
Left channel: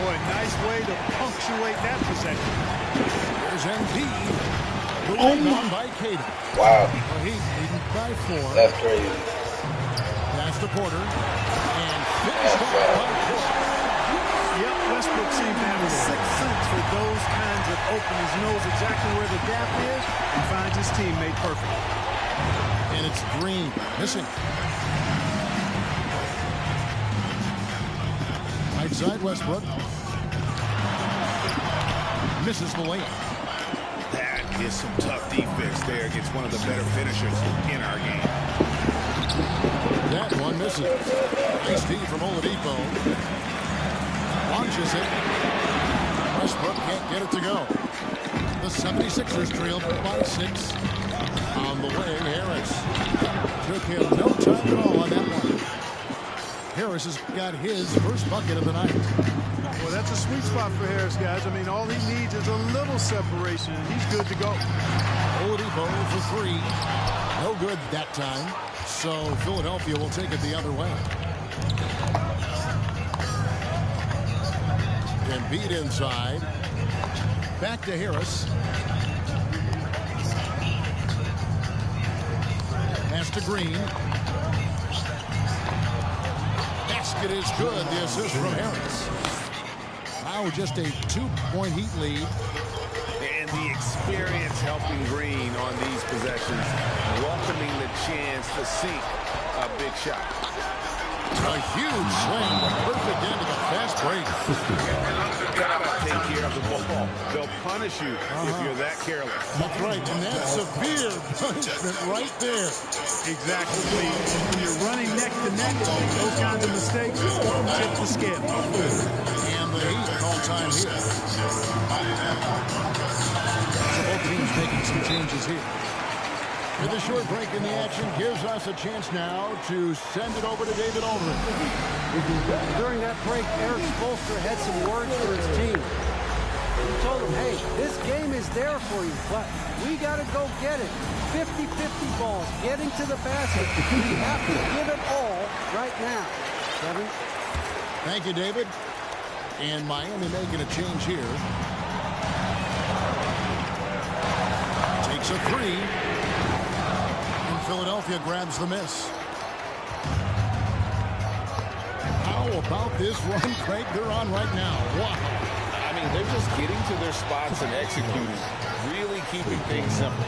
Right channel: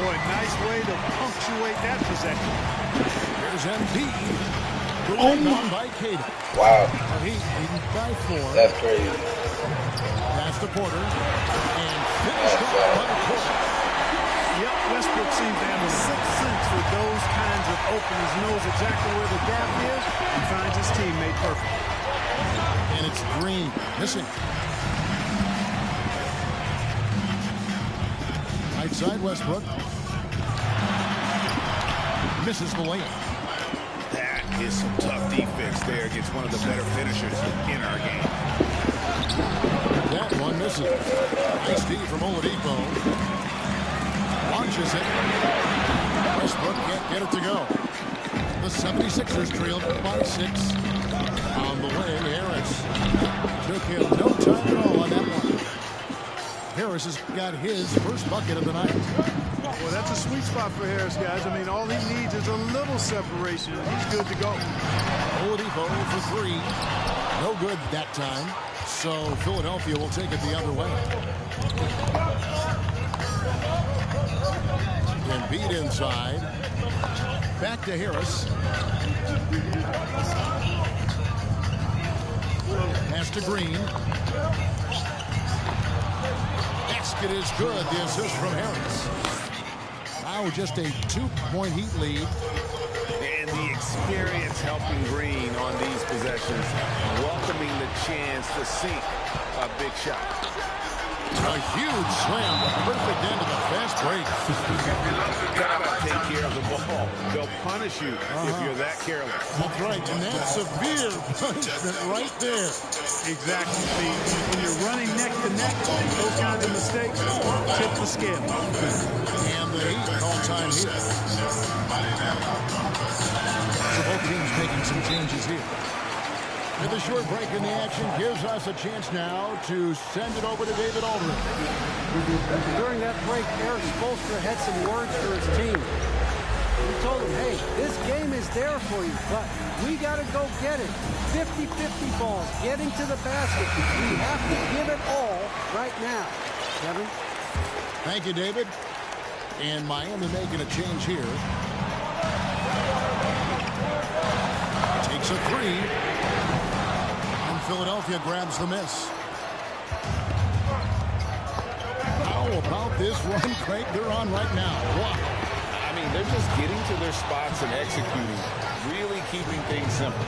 Boy, nice way to punctuate that possession. Here's Embiid. Moving on by Cato. Wow. The Heat leading by 4. That's crazy. Pass to Porter. And finished off by Porter. Yep, Westbrook seems to have a sixth sense for those kinds of openings. Knows exactly where the gap is and finds his teammate perfect. And it's Green missing. Right side Westbrook. Misses the layup. That is some tough defense there against one of the better finishers in our game. That one misses. Nice D from Oladipo. Launches it. Westbrook can't get it to go. The 76ers trailed by 6. On the way, Harris. Took him no time at all on that one. Harris has got his first bucket of the night. Well, that's a sweet spot for Harris, guys. I mean, all he needs is a little separation, and he's good to go. Oladipo for 3. No good that time. So Philadelphia will take it the other way. Embiid inside. Back to Harris. Pass to Green. Basket is good. The assist from Harris. Now just a 2-point Heat lead. And the experience helping Green on these possessions, welcoming the chance to sink a big shot. A huge slam, the perfect end of the fast break. Gotta take care of the ball. They'll punish you if you're that careless. That's right, and that's severe punishment right there. Exactly. When you're running neck to neck, those kinds of mistakes tip the scale. And the Heat call time here. So both teams making some changes here. With a short break in the action gives us a chance now to send it over to David Aldridge. During that break, Eric Spoelstra had some words for his team. He told them, hey, this game is there for you, but we got to go get it. 50-50 balls, getting to the basket. We have to give it all right now. Kevin? Thank you, David. And Miami making a change here. Takes a 3. And Philadelphia grabs the miss. How about this run, Craig, they're on right now? Wow. I mean, they're just getting to their spots and executing, really keeping things simple.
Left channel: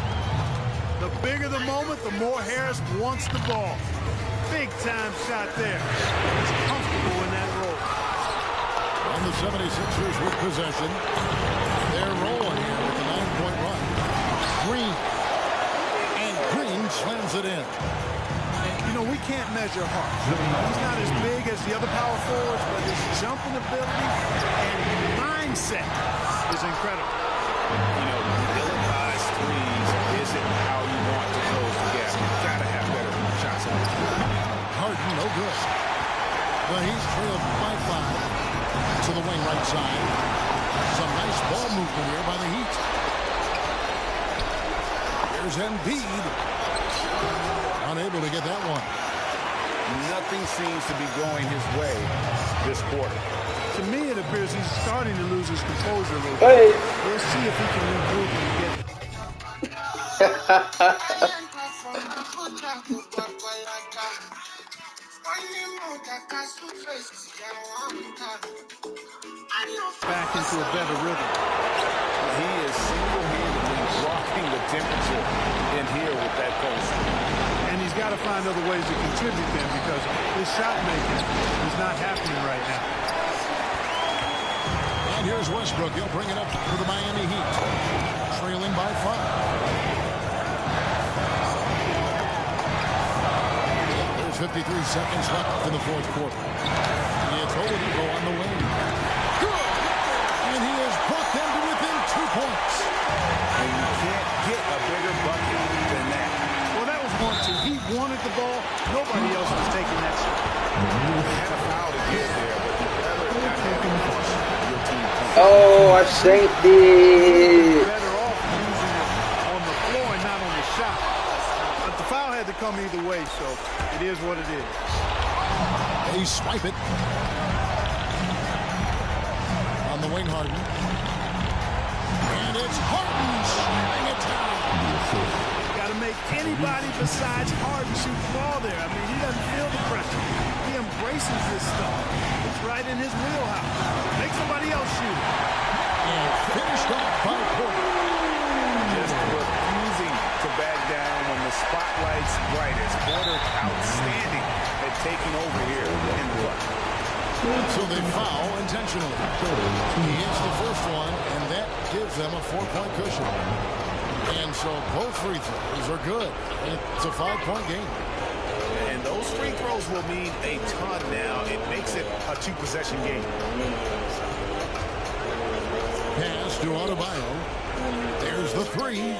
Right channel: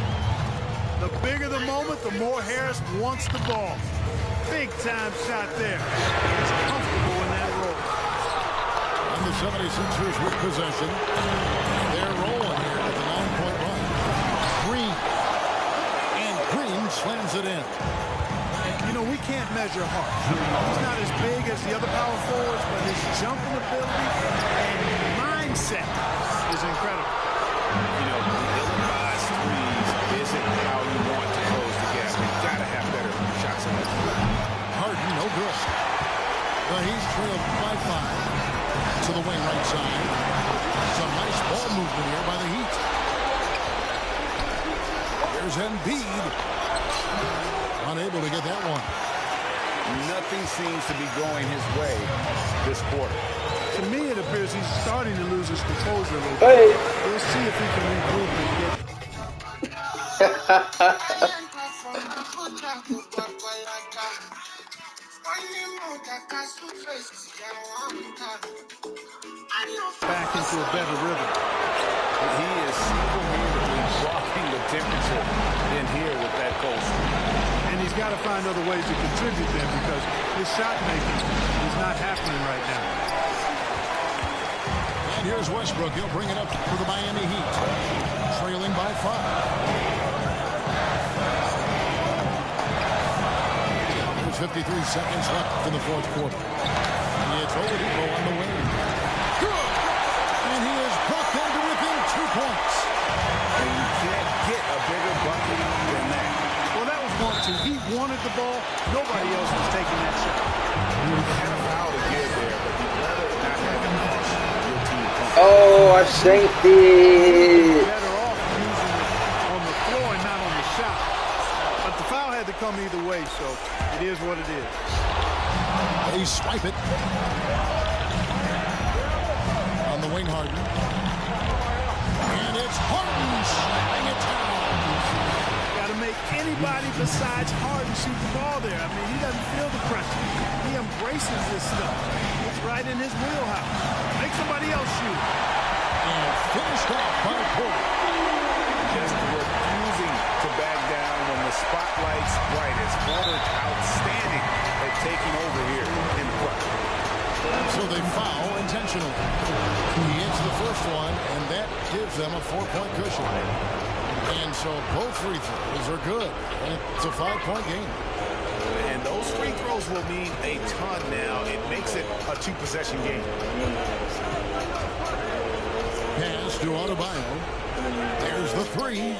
The bigger the moment, the more Harris wants the ball. Big time shot there. He's comfortable in that role. And the 76ers with possession. They're rolling here with a 9-point run. Green. And Green slams it in. And, you know, we can't measure Hart. I mean, he's not as big as the other power forwards, but his jumping ability and mindset is incredible. You know, the ill-advised threes isn't how you want to close the gap. You've got to have better shot selection. Harden, no good. The Heat trailed by 5 to the wing right side. Some nice ball movement here by the Heat. Here's Embiid. Unable to get that one. Nothing seems to be going his way this quarter. To me, it appears he's starting to lose his composure a little bit. Hey. We'll see if he can regroup and get... back into a better rhythm. He is single-handedly dropping the temperature in here with that cold streak. And he's got to find other ways to contribute then, because his shot making is not happening right now. And here's Westbrook. He'll bring it up for the Miami Heat. Trailing by 5. There's 53 seconds left in the fourth quarter. It's Oladipo on the wing. Good! And he has brought them to within 2 points. And you can't get a bigger bucket than that. Well, that was 1-2. He wanted the ball. Nobody else was taking that shot. Had a foul to give there, but you'd rather not have it cost your team points. Oh, I shanked it. Better off using it on the floor and not on the shot. But the foul had to come either way, so it is what it is. They swipe it. On the wing, Harden. And it's Harden slamming it down. Got to make anybody besides Harden shoot the ball there. I mean, he doesn't feel the pressure. He embraces this stuff. It's right in his wheelhouse. Make somebody else shoot it. And finished off by Porter. Just refusing to back down when the spotlight's brightest. Porter outstanding at taking over here in the clutch. So they foul intentionally. He hits the first one, and that gives them a 4-point cushion. And so both free throws are good. And it's a 5-point game. And those free throws will mean a ton now. It makes it a 2-possession game. Pass to Adebayo. There's the three.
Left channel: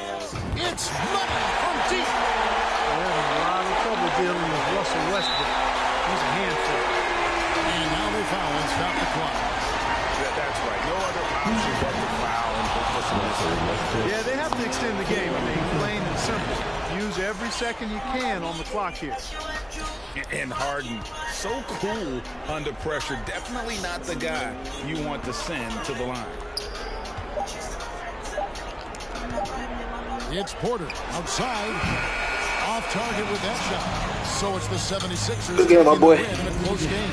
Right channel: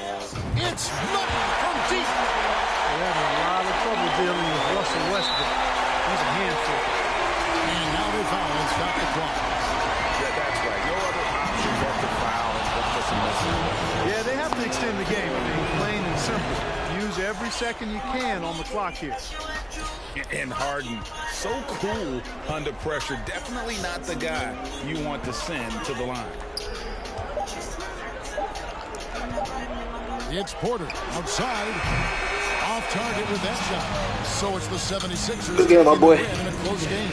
It's money from deep. They're having a lot of trouble dealing with Russell Westbrook. He's a handful. And now they foul and stop the clock. Yeah, that's right. No other option but to foul and hope for some misses. Yeah, they have to extend the game. I mean, plain and simple. Use every second you can on the clock here. And Harden, so cool under pressure. Definitely not the guy you want to send to the line. It's Porter outside. Off target with that shot. So it's the 76ers. Good game, my boy. In a close game.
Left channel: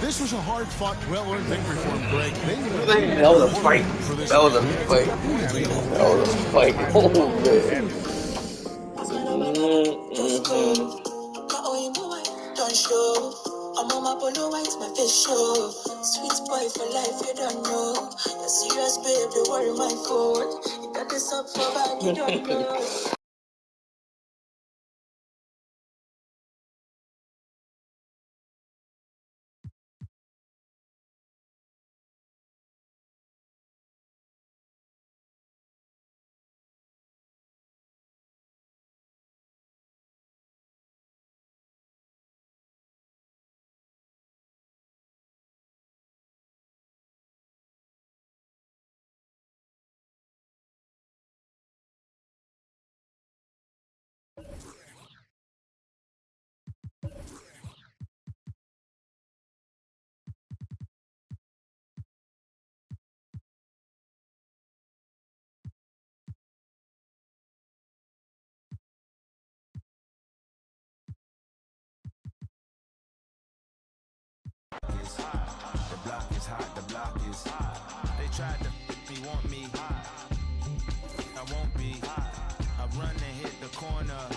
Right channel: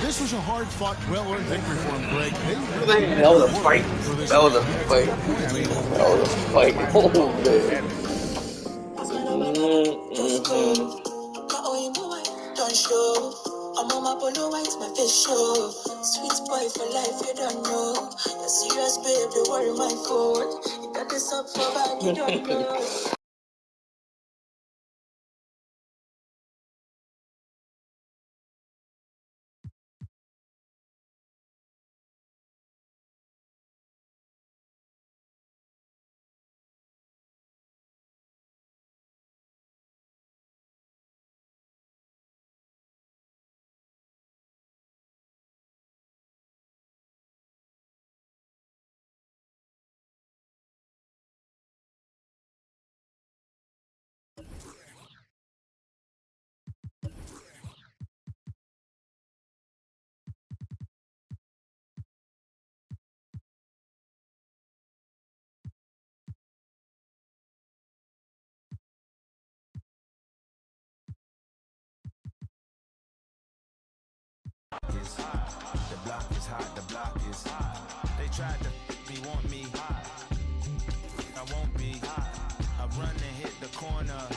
This was a hard-fought, well-earned victory for him, Greg. They really That was a fight. That was a fight. That was a fight. Oh, man. Don't show. I'm on my polo white, my face show. Sweet boy for life, you don't know. You're serious, babe, don't worry my fault. You got this up for back, you don't know. The block is hot, the block is hot. They tried to me, want me. I won't be. I run and hit the corner.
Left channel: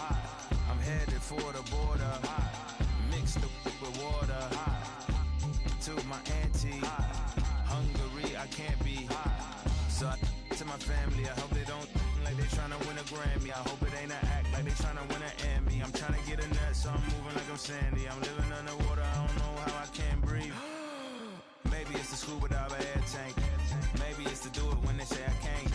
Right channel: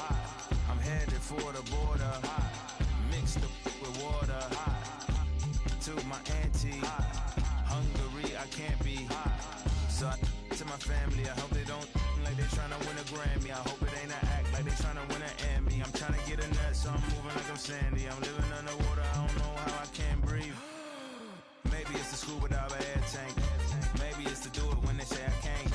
I'm headed for the border. Mixed with water. To my auntie. Hungry, I can't be. So to my family, I hope they don't like they tryna win a Grammy. I hope it ain't an act like they tryna win an Emmy. I'm tryna get a nut, so I'm moving like I'm Sandy. I'm living underwater, I don't know how I can't breathe. Maybe it's the scuba dive air tank. Maybe it's to do it when they say I can't.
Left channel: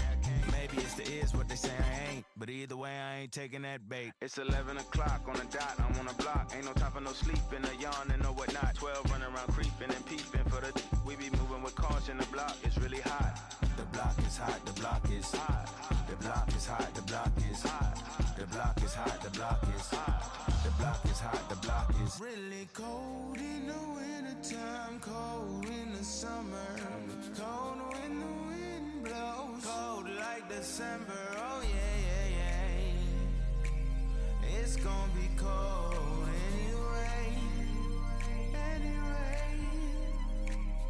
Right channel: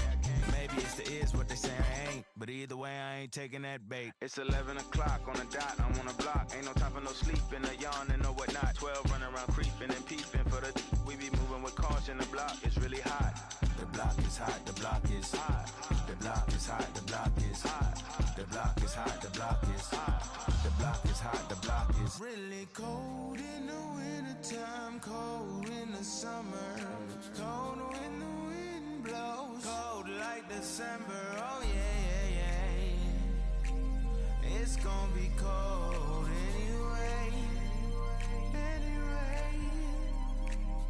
Maybe it's the is what they say I ain't. But either way, I ain't taking that bait. It's 11 o'clock on the dot, I'm on a block. Ain't no time for no sleeping, no yawning, no whatnot. 12 running around creeping and peeping for the we be moving with caution. The block is really hot. The block is hot, the block is hot. The block is hot, the block is hot. The block is hot, the block is hot. The block is hot, the block is really cold in the wintertime, cold in the summer, cold when the wind blows, cold like December, oh yeah, yeah, yeah. It's gonna be cold anyway, anyway.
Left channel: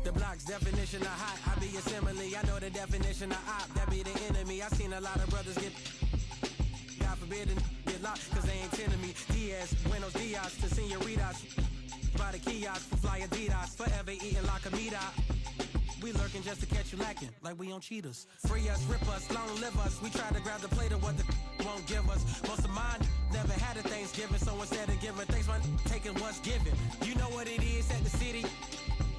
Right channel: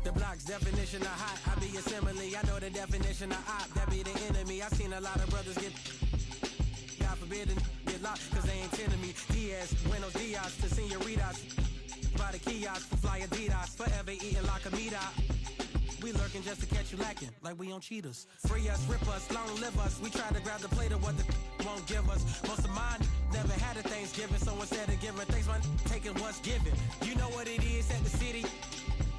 The block's definition of hot, I be a simile, I know the definition of op, that be the enemy. I seen a lot of brothers get, God forbid, and get locked, cause they ain't tending me. Diaz, Buenos Dias to senoritas, by the kiosk for fly Adidas, forever eating la comida. We lurking just to catch you lacking, like we on cheaters. Free us, rip us, long live us. We try to grab the plate of what the won't give us. Most of mine never had a Thanksgiving, so instead of giving thanks, man, taking what's given. You know what it is at the city.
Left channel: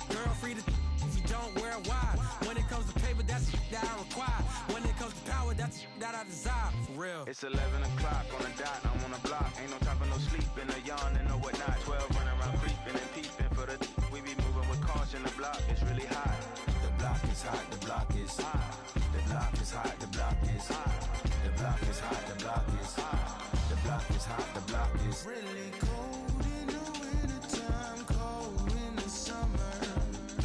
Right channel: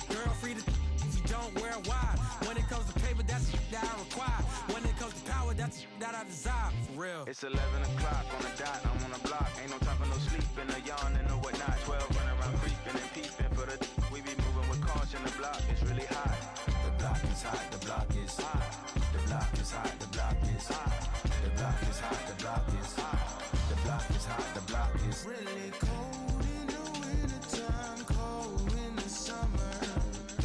Girl, free to if you don't wear it wide. When it comes to paper, that's that I require. When it comes to power, that's that I desire, for real. It's 11 o'clock on the dot, I'm on the block. Ain't no time for no sleeping, no yawning, no whatnot. 12 running around creeping and peeping for the we be moving with caution. The block is really hot. The block is hot, the block is hot. The block is hot, the block is hot. The block is hot, the block is hot. The block is hot, the block is really cold in the wintertime, cold in the summer.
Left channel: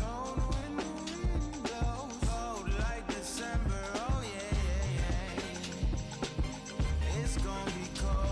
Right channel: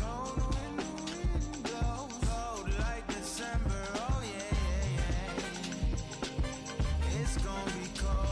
Cold when the wind blows, cold like December. Oh yeah, yeah, yeah. It's gonna be cold.